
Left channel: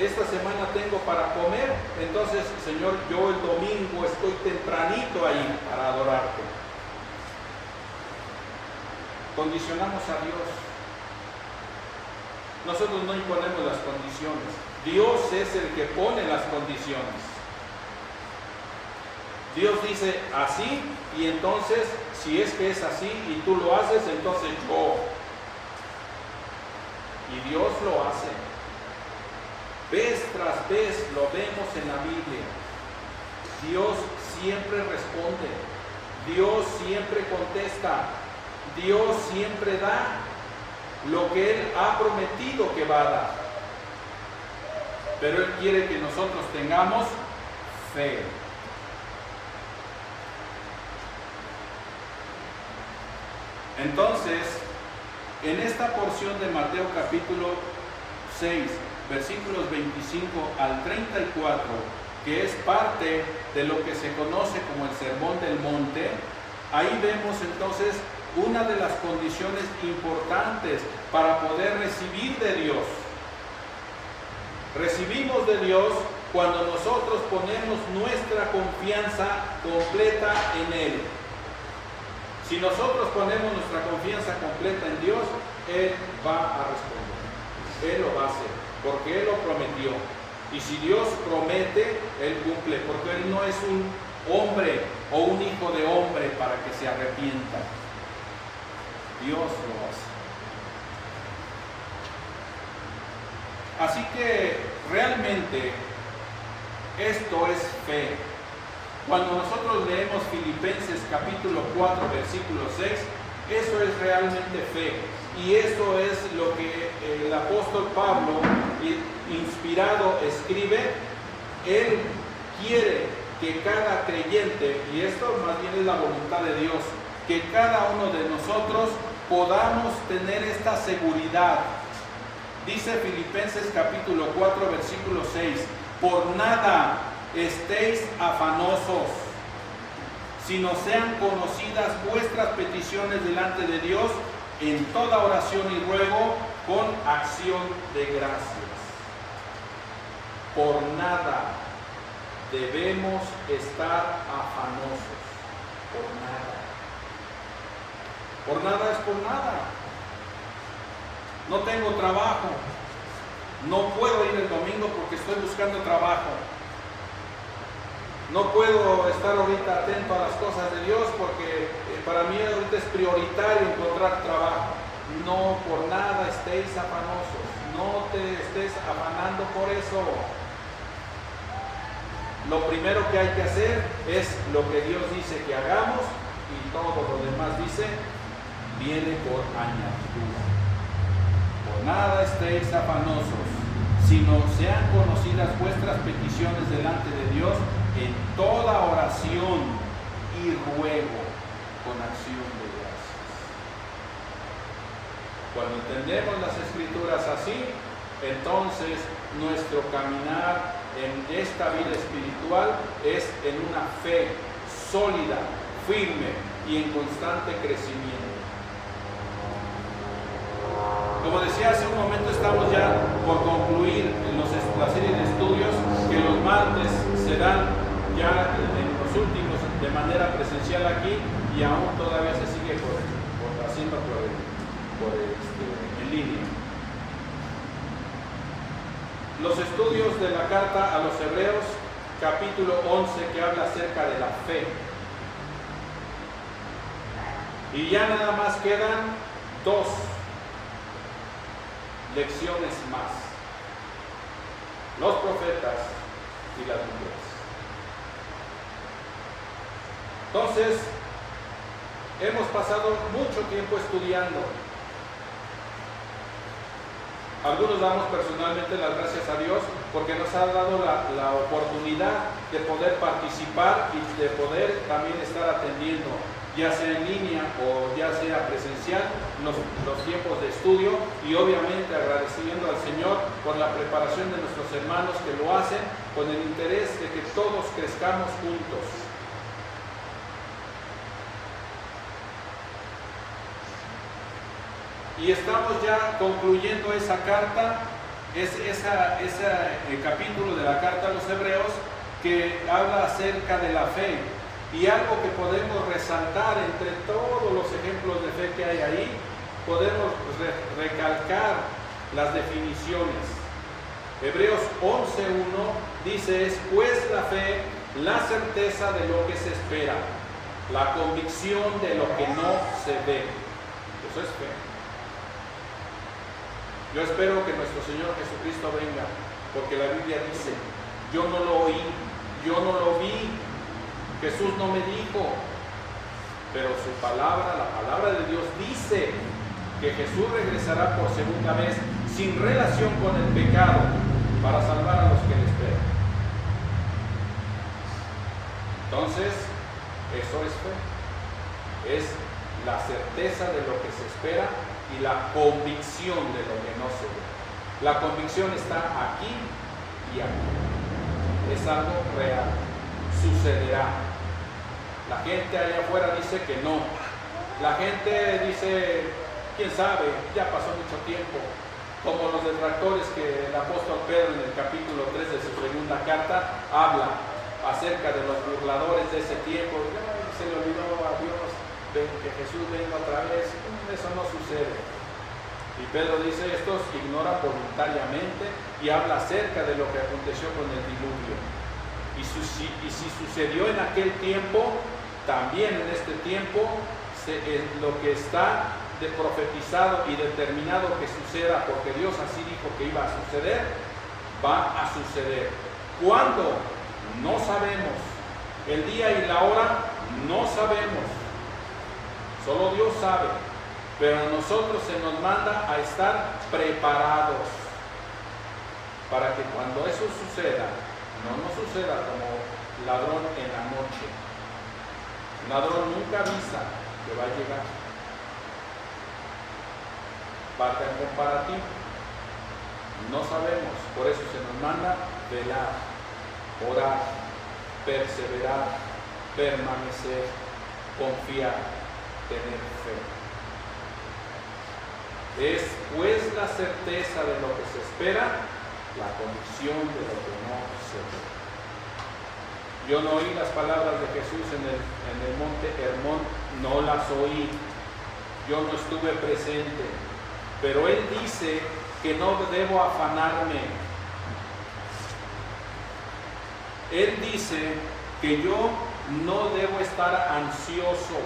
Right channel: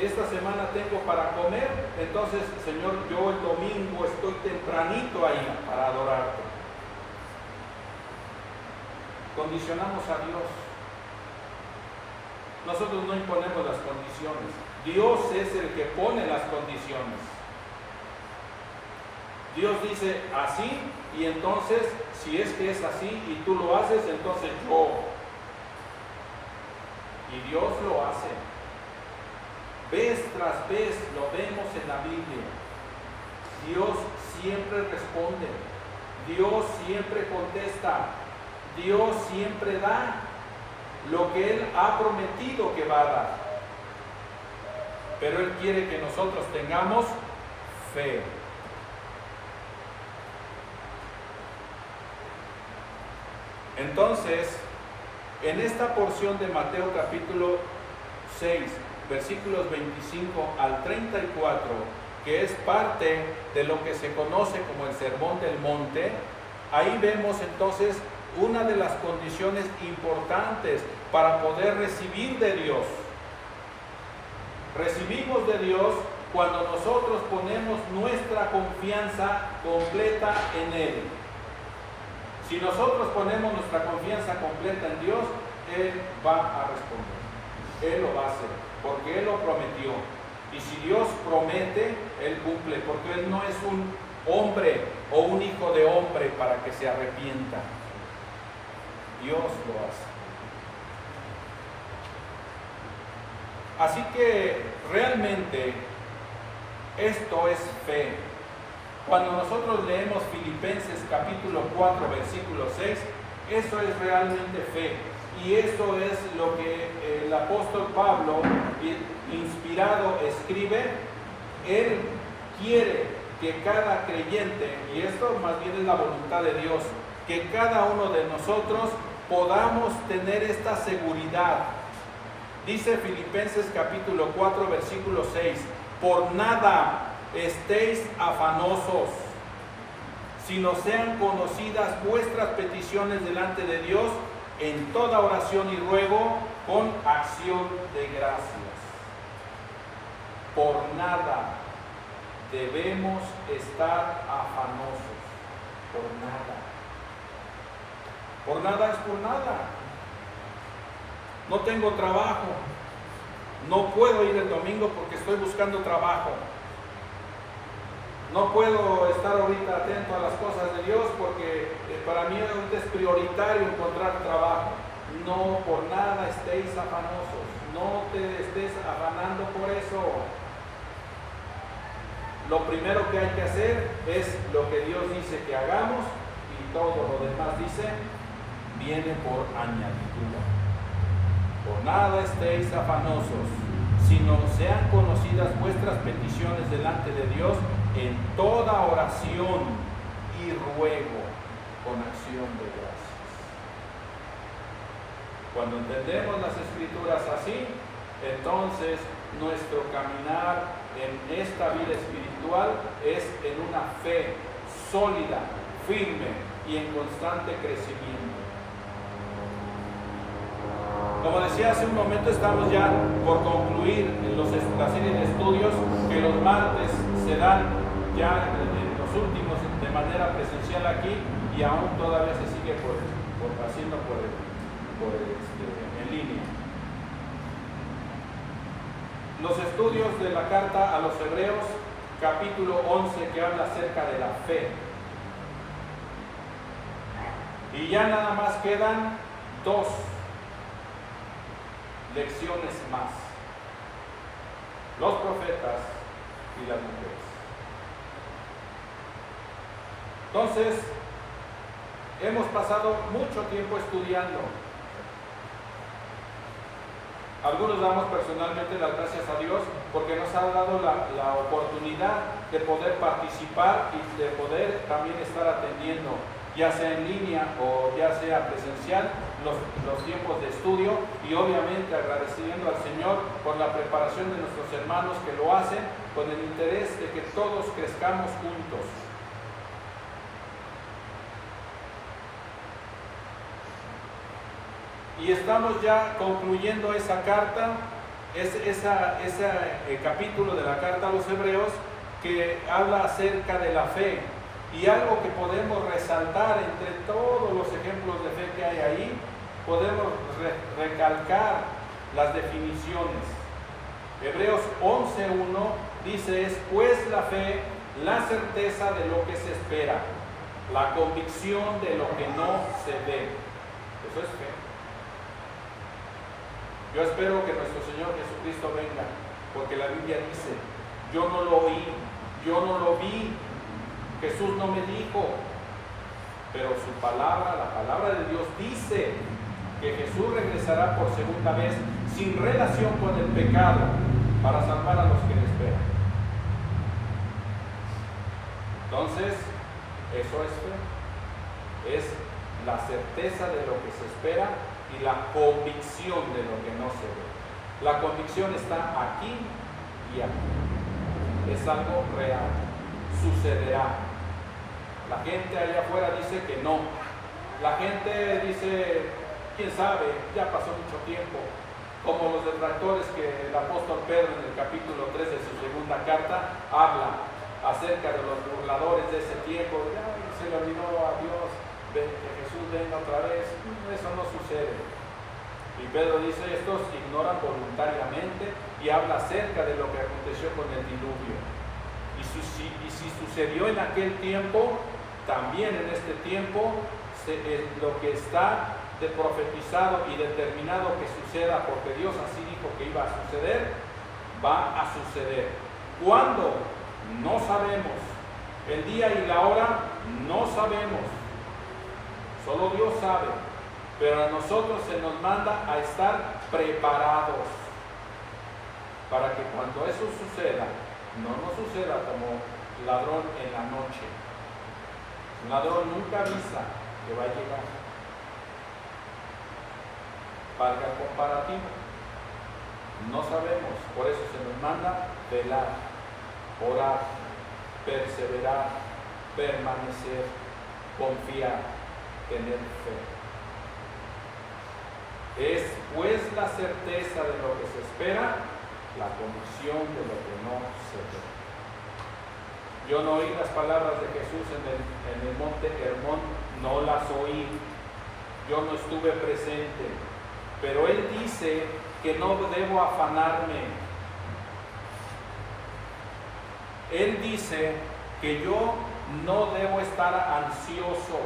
esta semana tengo para comer, entonces, Señor, yo el domingo estoy tempranito ahí para adorarte. Condicionamos a Dios. Nosotros no imponemos las condiciones. Dios es el que pone las condiciones. Dios dice así, y entonces, si es que es así y tú lo haces, entonces yo. Y Dios lo hace. Vez tras vez lo vemos en la Biblia. Dios siempre responde. Dios siempre contesta. Dios siempre da lo que Él ha prometido que va a dar. Pero Él quiere que nosotros tengamos fe. Entonces, en esta porción de Mateo capítulo 6, versículos 25 al 34, que es parte de lo que se conoce como el Sermón del Monte, ahí vemos entonces una de las condiciones importantes para poder recibir de Dios. Recibimos de Dios cuando nosotros ponemos nuestra confianza completa en Él. Si nosotros ponemos nuestra confianza completa en Dios, Él va a responder. Él lo va a hacer, porque Él lo prometió. Y si Dios promete, Él cumple, porque Él no es un hombre o un hijo de hombre para que se arrepienta. Dios lo hace. Así que realmente esto es fe. Cuando nosotros leemos Filipenses capítulo 4 versículo 6, eso es realmente fe. Y eso es lo que el apóstol Pablo, inspirado, escribe. Él quiere que cada creyente, y esto más bien es la voluntad de Dios, que cada uno de nosotros podamos tener esta seguridad. Dice Filipenses capítulo 4 versículo 6: por nada estéis afanosos, sino sean conocidas vuestras peticiones delante de Dios en toda oración y ruego con acción de gracias. Por nada debemos estar afanosos. Por nada. Por nada es por nada. No tengo trabajo. No puedo ir el domingo porque estoy buscando trabajo. No puedo estar ahorita atento a las cosas de Dios porque para mí ahorita es prioritario encontrar trabajo. No, por nada estéis afanosos. No te estés afanando por eso. Lo primero que hay que hacer es lo que Dios dice que hagamos, y todo lo demás, dice, viene por añadidura. Por nada estéis afanosos, sino sean conocidas vuestras peticiones delante de Dios en toda oración y ruego con acción de gracias. Cuando entendemos las Escrituras así, entonces nuestro caminar en esta vida espiritual es en una fe sólida, firme y en constante crecimiento. Como decía hace un momento, estamos ya por concluir la serie de estudios que los martes se dan ya en los últimos de manera presencial aquí, y aún todavía se sigue haciendo en línea. Los estudios de la carta a los Hebreos, capítulo 11, que habla acerca de la fe. Y ya nada más quedan 2 lecciones más. los profetas y las mujeres. Entonces, hemos pasado mucho tiempo estudiando. Algunos damos personalmente las gracias a Dios porque nos ha dado la oportunidad de poder participar y de poder también estar atendiendo, ya sea en línea o ya sea presencial, los tiempos de estudio, y obviamente agradeciendo al Señor por la preparación de nuestros hermanos que lo hacen con el interés de que todos crezcamos juntos. Y estamos ya concluyendo esa carta, ese capítulo de la carta a los Hebreos que habla acerca de la fe. Y algo que podemos resaltar entre todos los ejemplos de fe que hay ahí, podemos recalcar las definiciones. Hebreos 11:1 dice: es pues la fe la certeza de lo que se espera, la convicción de lo que no se ve. Eso es fe. Yo espero que nuestro Señor Jesucristo venga, porque la Biblia dice: yo no lo oí, yo no lo vi, Jesús no me dijo, pero su palabra, la palabra de Dios dice que Jesús regresará por segunda vez sin relación con el pecado para salvar a los que le esperan. Entonces, eso es fe, es la certeza de lo que se espera y la convicción de lo que no se ve. La convicción está aquí y aquí. Es algo real. Sucederá. La gente allá afuera dice que no. La gente dice, quién sabe, ya pasó mucho tiempo. Como los detractores que el apóstol Pedro en el capítulo 3 de su segunda carta habla acerca de los burladores de ese tiempo. Ay, se le olvidó a Dios que Jesús venga otra vez. Eso no sucede. Y Pedro dice: estos ignoran voluntariamente, y habla acerca de lo que aconteció con el diluvio. Y si sucedió en aquel tiempo, también en este tiempo lo que está profetizado y determinado que suceda, porque Dios así dijo que iba a suceder, va a suceder. ¿Cuándo? No sabemos. El día y la hora no sabemos. Solo Dios sabe. Pero a nosotros se nos manda a estar preparados para que cuando eso suceda, no nos suceda como ladrón en la noche. Un ladrón nunca avisa que va a llegar. Valga el comparativo. No sabemos, por eso se nos manda velar, orar, perseverar, permanecer, confiar, tener fe. Es pues la certeza de lo que se espera, la convicción de lo que no se ve. Yo no oí las palabras de Jesús en el monte Hermón, no las oí. Yo no estuve presente. Pero Él dice que no debo afanarme. Él dice que yo no debo estar ansioso.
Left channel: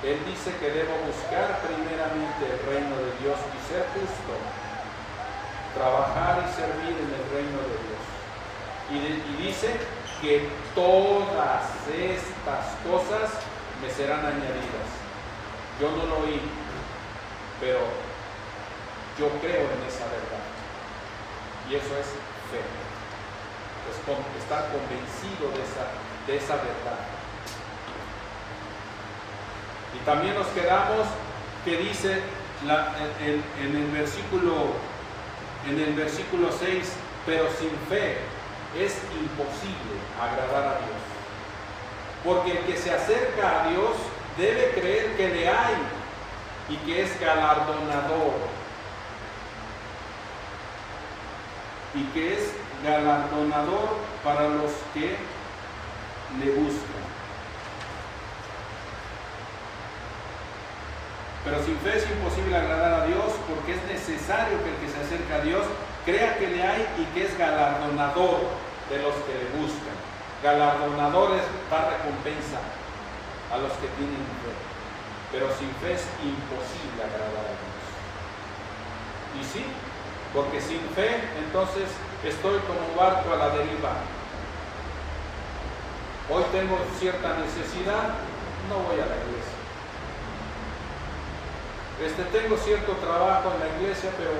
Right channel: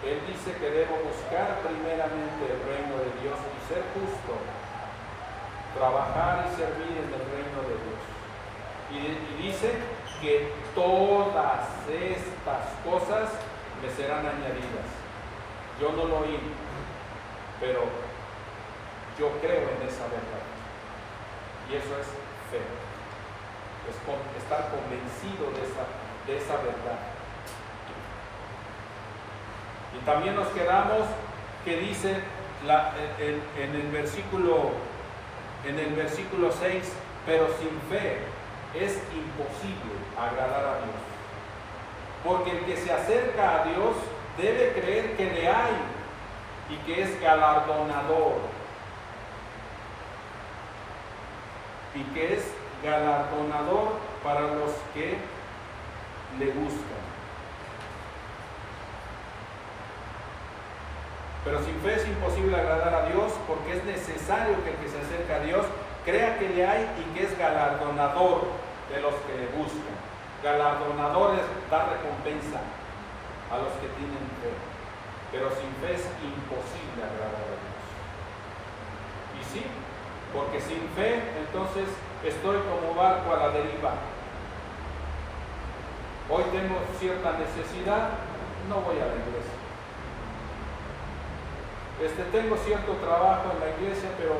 Él dice que debo buscar primeramente el reino de Dios y ser justo, trabajar y servir en el reino de Dios. Y dice que todas estas cosas me serán añadidas. Yo no lo oí, pero yo creo en esa verdad. Y eso es fe. Es estar convencido de esa verdad. Y también nos quedamos que dice en el versículo 6, pero sin fe es imposible agradar a Dios. Porque el que se acerca a Dios debe creer que le hay y que es galardonador. Y que es galardonador para los que le buscan. Pero sin fe es imposible agradar a Dios, porque es necesario que el que se acerca a Dios crea que le hay y que es galardonador de los que le buscan. Galardonador es dar recompensa a los que tienen fe. Pero sin fe es imposible agradar a Dios. Y sí, porque sin fe entonces estoy como barco a la deriva. Hoy tengo cierta necesidad, no voy a la iglesia. Tengo cierto trabajo en la iglesia, pero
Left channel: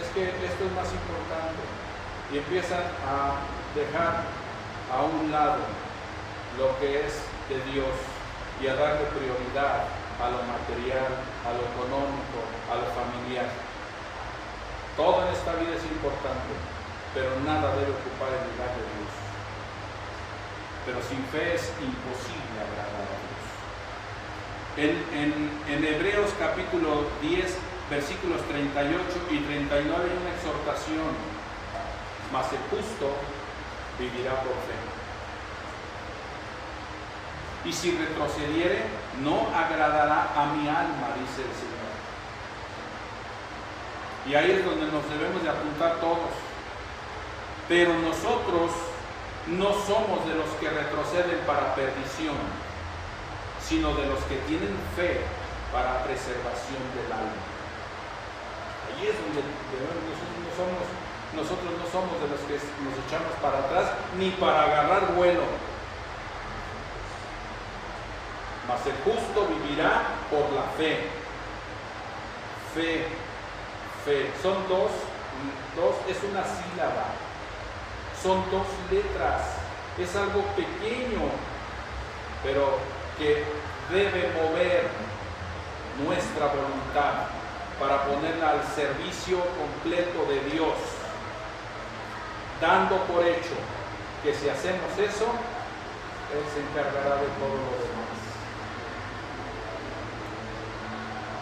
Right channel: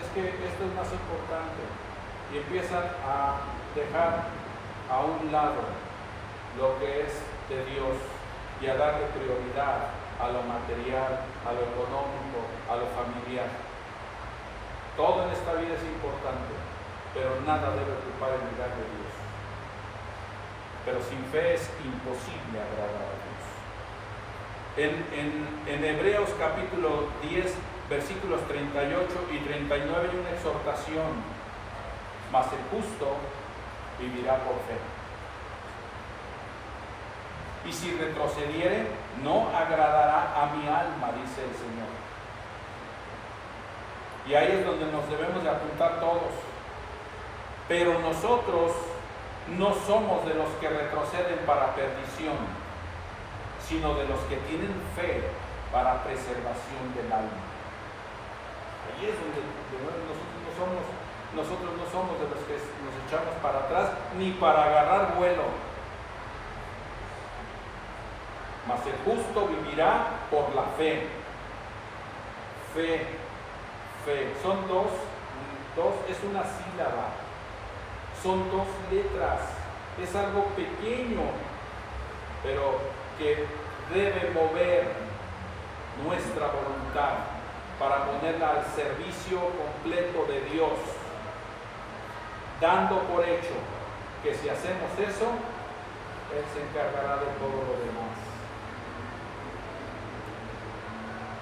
es que esto es más importante. Y empiezan a dejar a un lado lo que es de Dios y a darle prioridad a lo material, a lo económico, a lo familiar. Todo en esta vida es importante, pero nada debe ocupar el lugar de Dios. Pero sin fe es imposible agradar a Dios. En Hebreos capítulo 10, versículos 38 y 39 hay una exhortación: mas el justo vivirá por fe. Y si retrocediere, no agradará a mi alma, dice el Señor. Y ahí es donde nos debemos de apuntar todos. Pero nosotros no somos de los que retroceden para perdición, sino de los que tienen fe para preservación del alma. Ahí es donde nosotros no somos de los que nos echamos para atrás ni para agarrar vuelo. Mas el justo vivirá por la fe. Fe. Son dos, es una sílaba. Son dos letras. Es algo pequeño, pero que debe mover nuestra voluntad para ponerla al servicio completo de Dios, dando por hecho que si hacemos eso, Él se encargará de todo lo demás.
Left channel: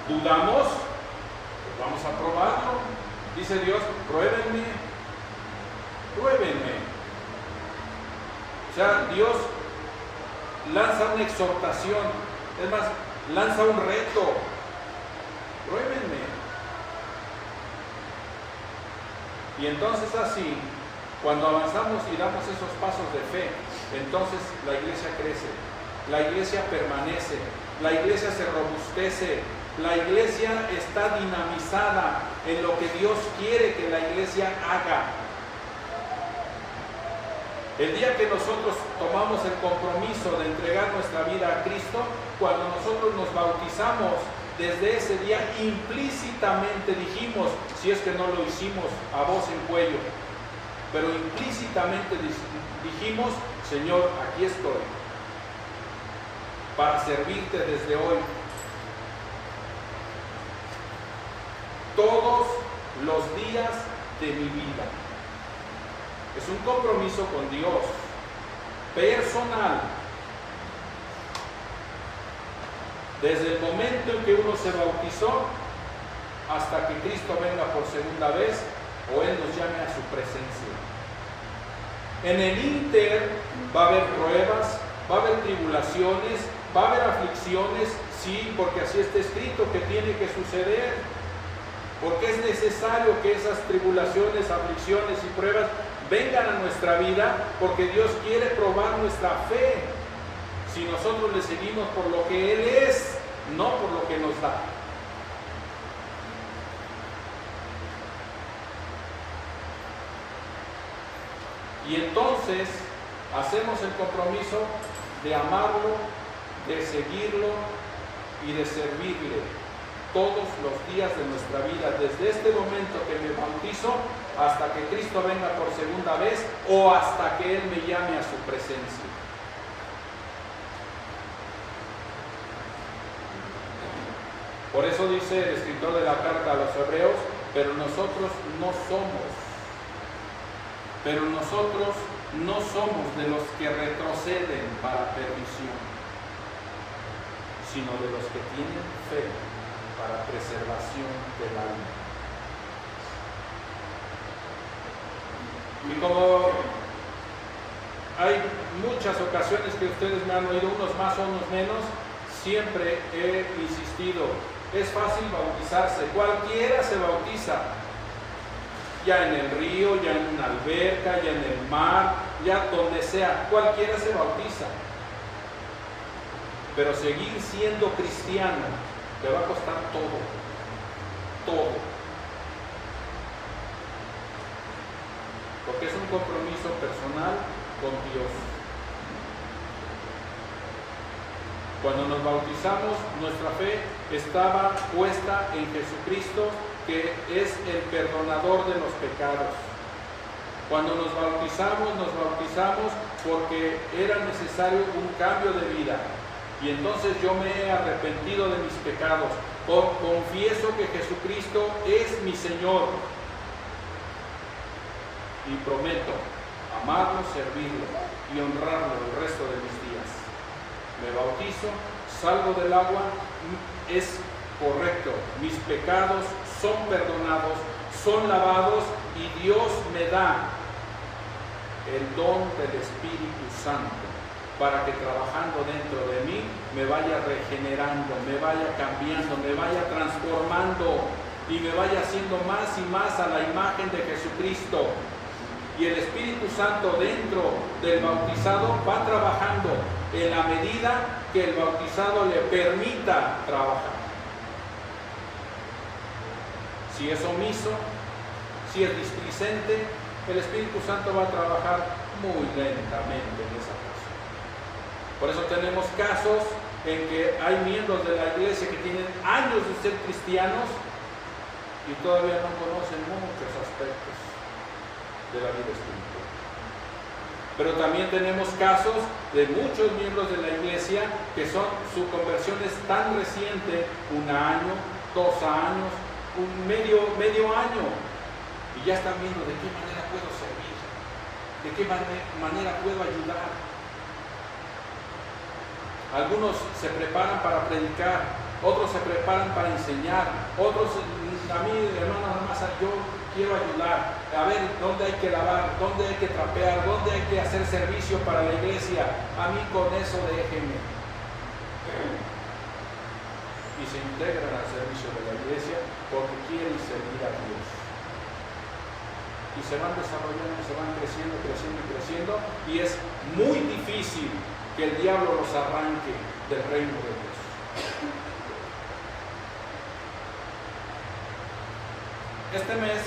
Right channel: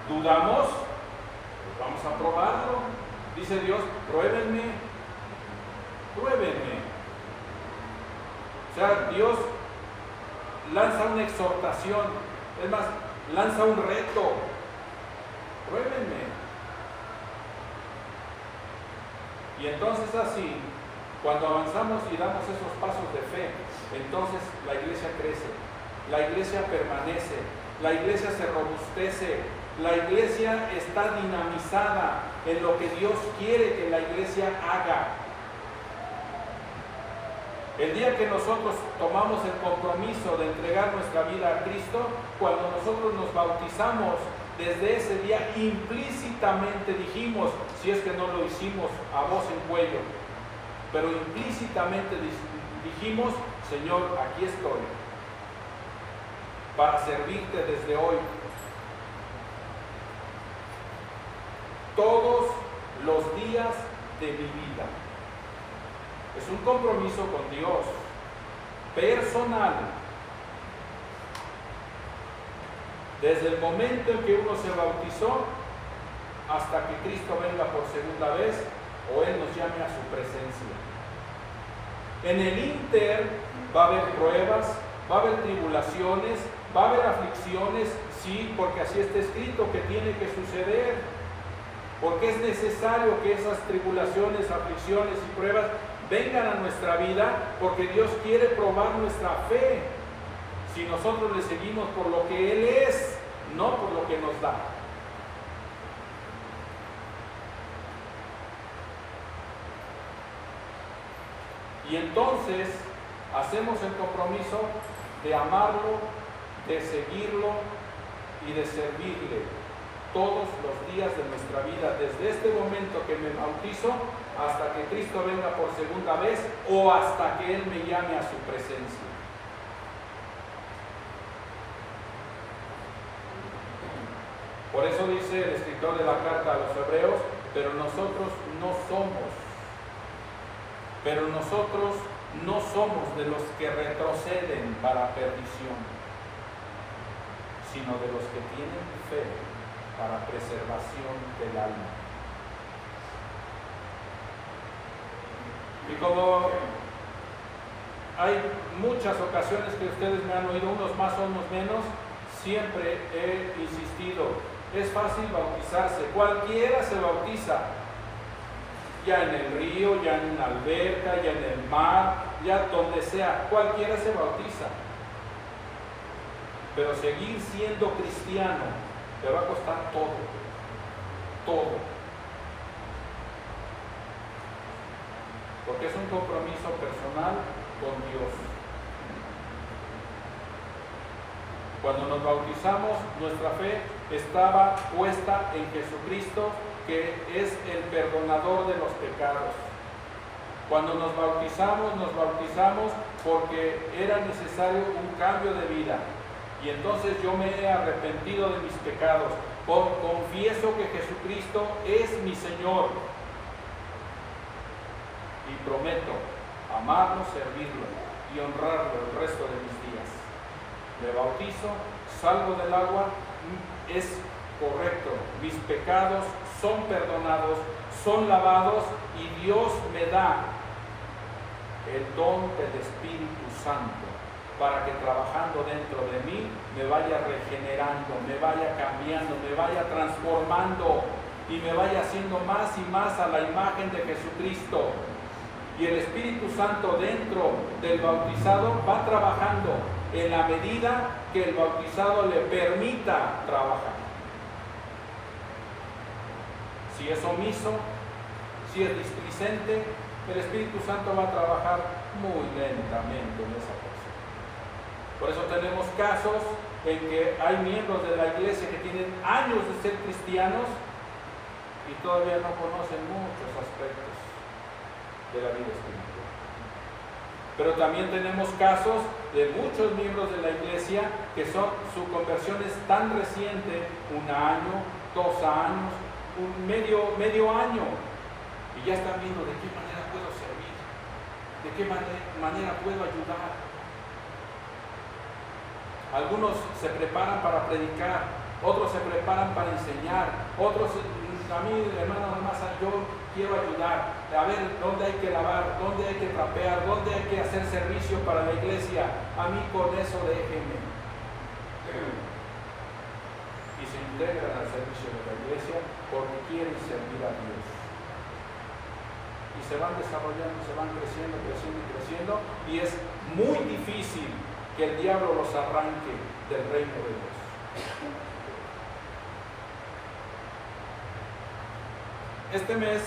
¿Dudamos? Pues vamos a probarlo. Dice Dios: pruébenme. O sea, Dios lanza una exhortación, es más, lanza un reto: pruébenme. Y entonces así, cuando avanzamos y damos esos pasos de fe, entonces la iglesia crece, la iglesia permanece, la iglesia se robustece, la iglesia está dinamizada en lo que Dios quiere que la iglesia haga. El día que nosotros tomamos el compromiso de entregar nuestra vida a Cristo, cuando nosotros nos bautizamos, desde ese día implícitamente dijimos, si es que no lo hicimos a voz en cuello, pero implícitamente dijimos: Señor, aquí estoy para servirte desde hoy. Todos los días de mi vida. Es un compromiso con Dios, personal. Desde el momento en que uno se bautizó hasta que Cristo venga por segunda vez o Él nos llame a su presencia. En el ínter va a haber pruebas, va a haber tribulaciones, va a haber aflicciones, sí, porque así está escrito que tiene que suceder. Porque es necesario que esas tribulaciones, aflicciones y pruebas vengan a nuestra vida, porque Dios quiere probar nuestra fe. Si nosotros le seguimos por lo que Él es, no por lo que nos da. Y entonces hacemos el compromiso de amarlo, de seguirlo y de servirle todos los días de nuestra vida, desde este momento que me bautizo hasta que Cristo venga por segunda vez o hasta que Él me llame a su presencia. Por eso dice el escritor de la carta a los Hebreos: pero nosotros no somos de los que retroceden para perdición, sino de los que tienen fe para preservación del alma. Y como hay muchas ocasiones que ustedes me han oído, unos más o unos menos, siempre he insistido: es fácil bautizarse, cualquiera se bautiza, ya en el río, ya en una alberca, ya en el mar, ya donde sea, cualquiera se bautiza. Pero seguir siendo cristiano te va a costar todo. porque es un compromiso personal con Dios. Cuando nos bautizamos, nuestra fe estaba puesta en Jesucristo, que es el perdonador de los pecados. Cuando nos bautizamos porque era necesario un cambio de vida. Y entonces yo me he arrepentido de mis pecados. Confieso que Jesucristo es mi Señor. Y prometo amarlo, servirlo y honrarlo el resto de mis días. Me bautizo, salgo del agua, es correcto. Mis pecados son perdonados, son lavados y Dios me da el don del Espíritu Santo para que trabajando dentro de mí me vaya regenerando, me vaya cambiando, me vaya transformando y me vaya haciendo más y más a la imagen de Jesucristo. Y el Espíritu Santo dentro del bautizado va trabajando en la medida que el bautizado le permita trabajar. Si es omiso, si es displicente, el Espíritu Santo va a trabajar muy lentamente en esa persona. Por eso tenemos casos en que hay miembros de la iglesia que tienen años de ser cristianos y todavía no conocen muchos aspectos de la vida espiritual. Pero también tenemos casos de muchos miembros de la iglesia que su conversión es tan reciente, 1 año, 2 años, medio año, y ya están viendo de qué manera puedo servir, de qué manera puedo ayudar. Algunos se preparan para predicar, otros se preparan para enseñar, otros, a mí, hermano, nada más yo quiero ayudar, a ver dónde hay que lavar, dónde hay que trapear, dónde hay que hacer servicio para la iglesia. A mí con eso déjenme. Y se integran al servicio de la iglesia porque quieren servir a Dios. Y se van desarrollando, se van creciendo, y es muy difícil que el diablo los arranque del reino de Dios. Este mes,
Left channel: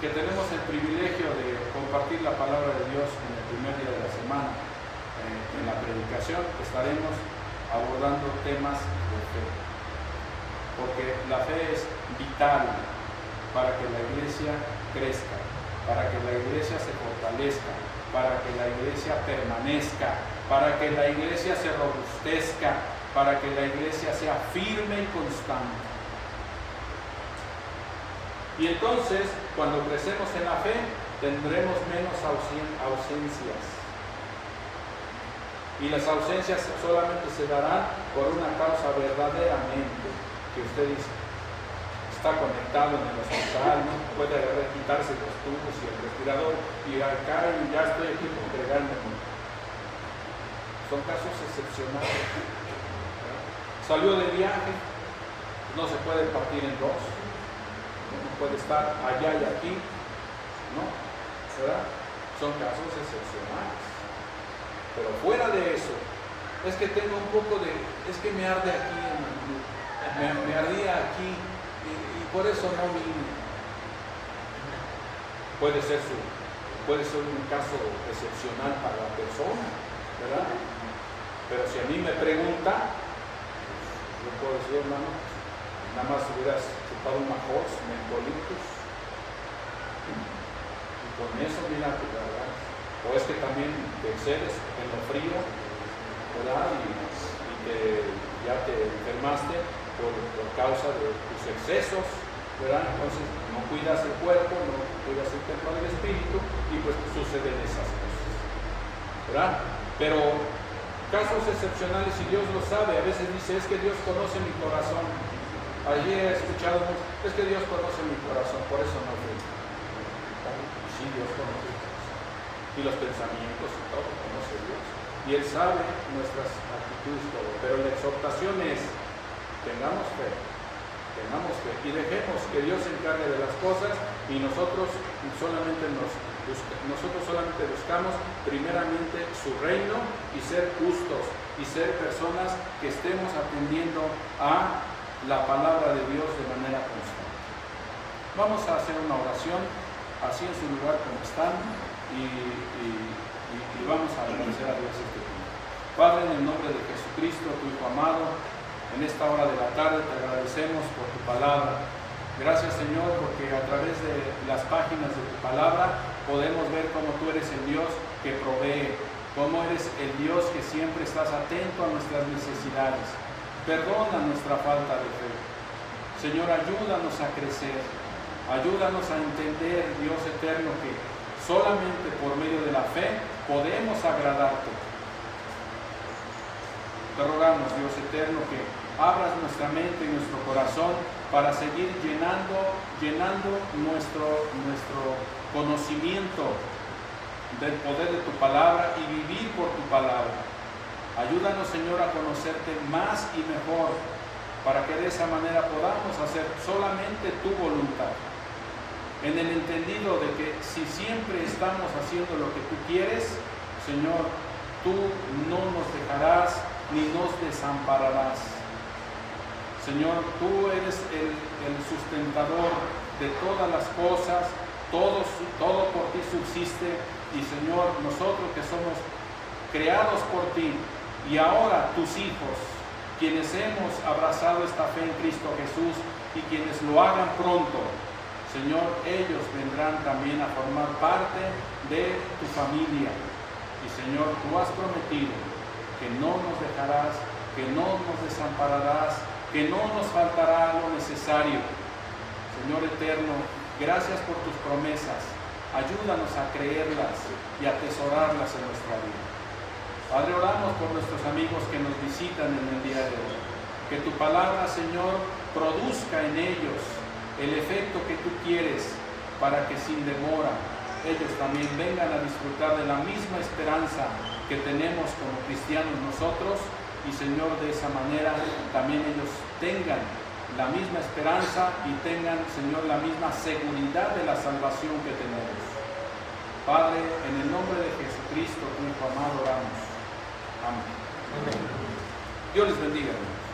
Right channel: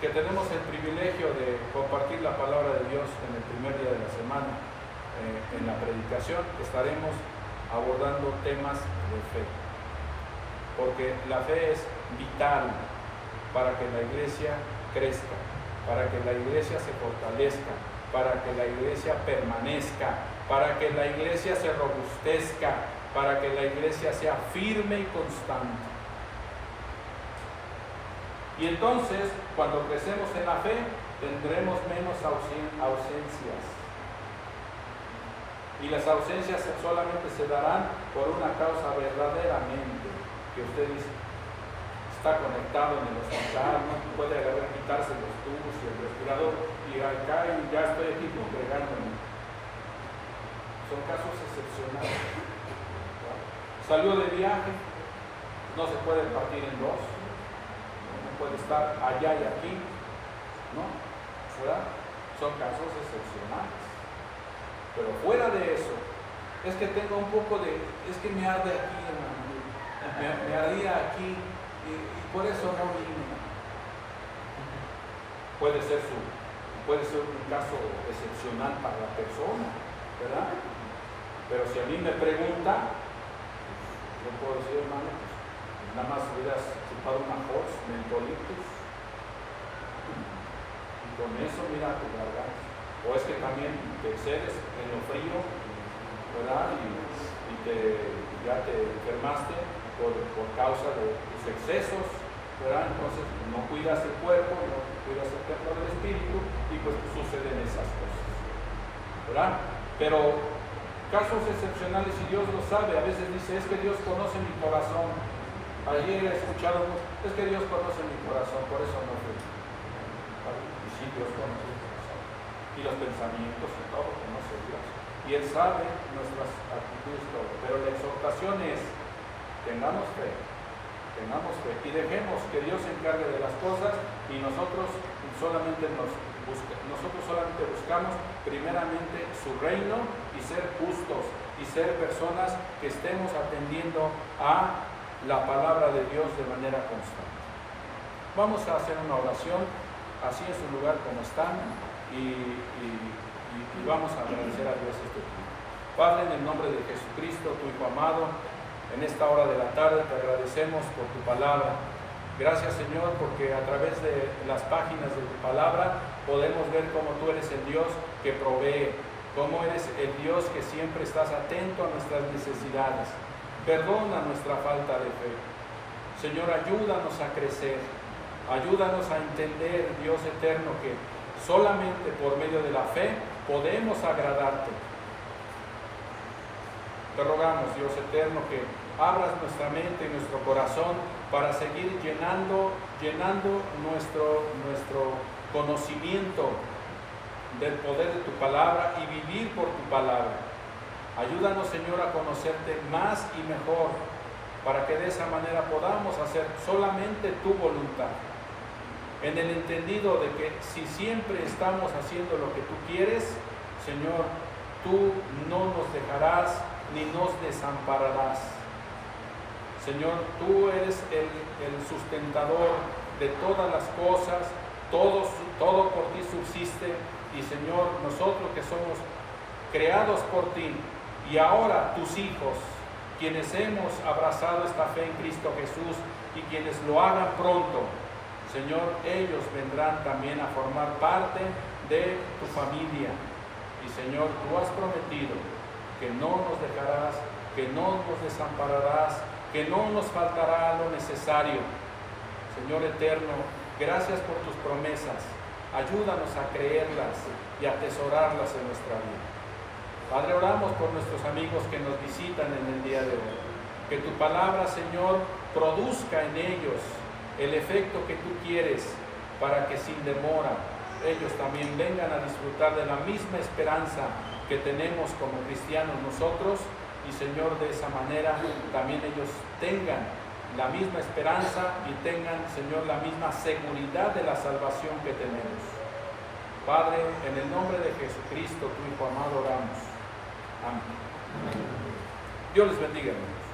que tenemos el privilegio de compartir la palabra de Dios en el primer día de la semana, en la predicación, estaremos abordando temas de fe, porque la fe es vital para que la iglesia crezca, para que la iglesia se fortalezca, para que la iglesia permanezca, para que la iglesia se robustezca, para que la iglesia sea firme y constante. Y entonces, cuando crecemos en la fe, tendremos menos ausencias. Y las ausencias solamente se darán por una causa verdaderamente, que usted está conectado en el hospital, no puede quitarse los tubos y el respirador, y acá ya estoy aquí congregándome. Son casos excepcionales. Salió de viaje, no se puede partir en dos. No puede estar allá y aquí, ¿no? ¿Verdad? Son casos excepcionales. Pero fuera de eso, es que tengo un poco es que me arde aquí, hermano. Me ardía aquí y por eso no vine. Puede ser un caso excepcional para la persona, ¿verdad? Pero si a mí me pregunta, yo puedo decir, hermano, nada más hubieras chupado una Horse, mentolitos, y con eso mira tu garganta. O es que también te excedes en lo frío, ¿verdad? Y ya te enfermaste por causa de tus excesos, ¿verdad? Entonces no cuidas el cuerpo, no cuidas el templo del espíritu, y pues suceden esas cosas, ¿verdad? Pero casos excepcionales, y Dios lo sabe, a veces dice, es que Dios conoce mi corazón. Allí he escuchado, es que Dios conoce mi corazón, por eso no fui. Y sí, Dios conoce el corazón. Y los pensamientos y todo, conoce Dios. Y Él sabe nuestras actitudes, todo. Pero la exhortación es, tengamos fe, y dejemos que Dios se encargue de las cosas, y nosotros solamente buscamos primeramente su reino y ser justos, y ser personas que estemos atendiendo a la palabra de Dios de manera constante. Vamos a hacer una oración, así en su lugar como están, y vamos a agradecer a Dios este tiempo. Padre, en el nombre de Jesucristo, tu Hijo amado, en esta hora de la tarde te agradecemos por tu palabra. Gracias, Señor, porque a través de las páginas de tu palabra podemos ver cómo tú eres el Dios que provee, cómo eres el Dios que siempre estás atento a nuestras necesidades. Perdona nuestra falta de fe. Señor, ayúdanos a crecer, ayúdanos a entender, Dios eterno, que solamente por medio de la fe podemos agradarte. Te rogamos, Dios eterno, que abras nuestra mente y nuestro corazón para seguir llenando nuestro conocimiento del poder de tu palabra y vivir por tu palabra. Ayúdanos, Señor, a conocerte más y mejor, para que de esa manera podamos hacer solamente tu voluntad, en el entendido de que si siempre estamos haciendo lo que tú quieres, Señor, tú no nos dejarás ni nos desampararás. Señor, tú eres el sustentador de todas las cosas, todo por ti subsiste, y Señor, nosotros que somos creados por ti, y ahora tus hijos, quienes hemos abrazado esta fe en Cristo Jesús, y quienes lo hagan pronto, Señor, ellos vendrán también a formar parte de tu familia. Y Señor, tú has prometido que no nos dejarás, que no nos desampararás, que no nos faltará lo necesario. Señor eterno, gracias por tus promesas. Ayúdanos a creerlas y a atesorarlas en nuestra vida. Padre, oramos por nuestros amigos que nos visitan en el día de hoy. Que tu palabra, Señor, produzca en ellos el efecto que tú quieres, para que sin demora ellos también vengan a disfrutar de la misma esperanza que tenemos como cristianos nosotros, y Señor, de esa manera también ellos tengan la misma esperanza y tengan, Señor, la misma seguridad de la salvación que tenemos. Padre, en el nombre de Jesucristo, tu Hijo amado, oramos. Amén. Dios les bendiga, hermanos.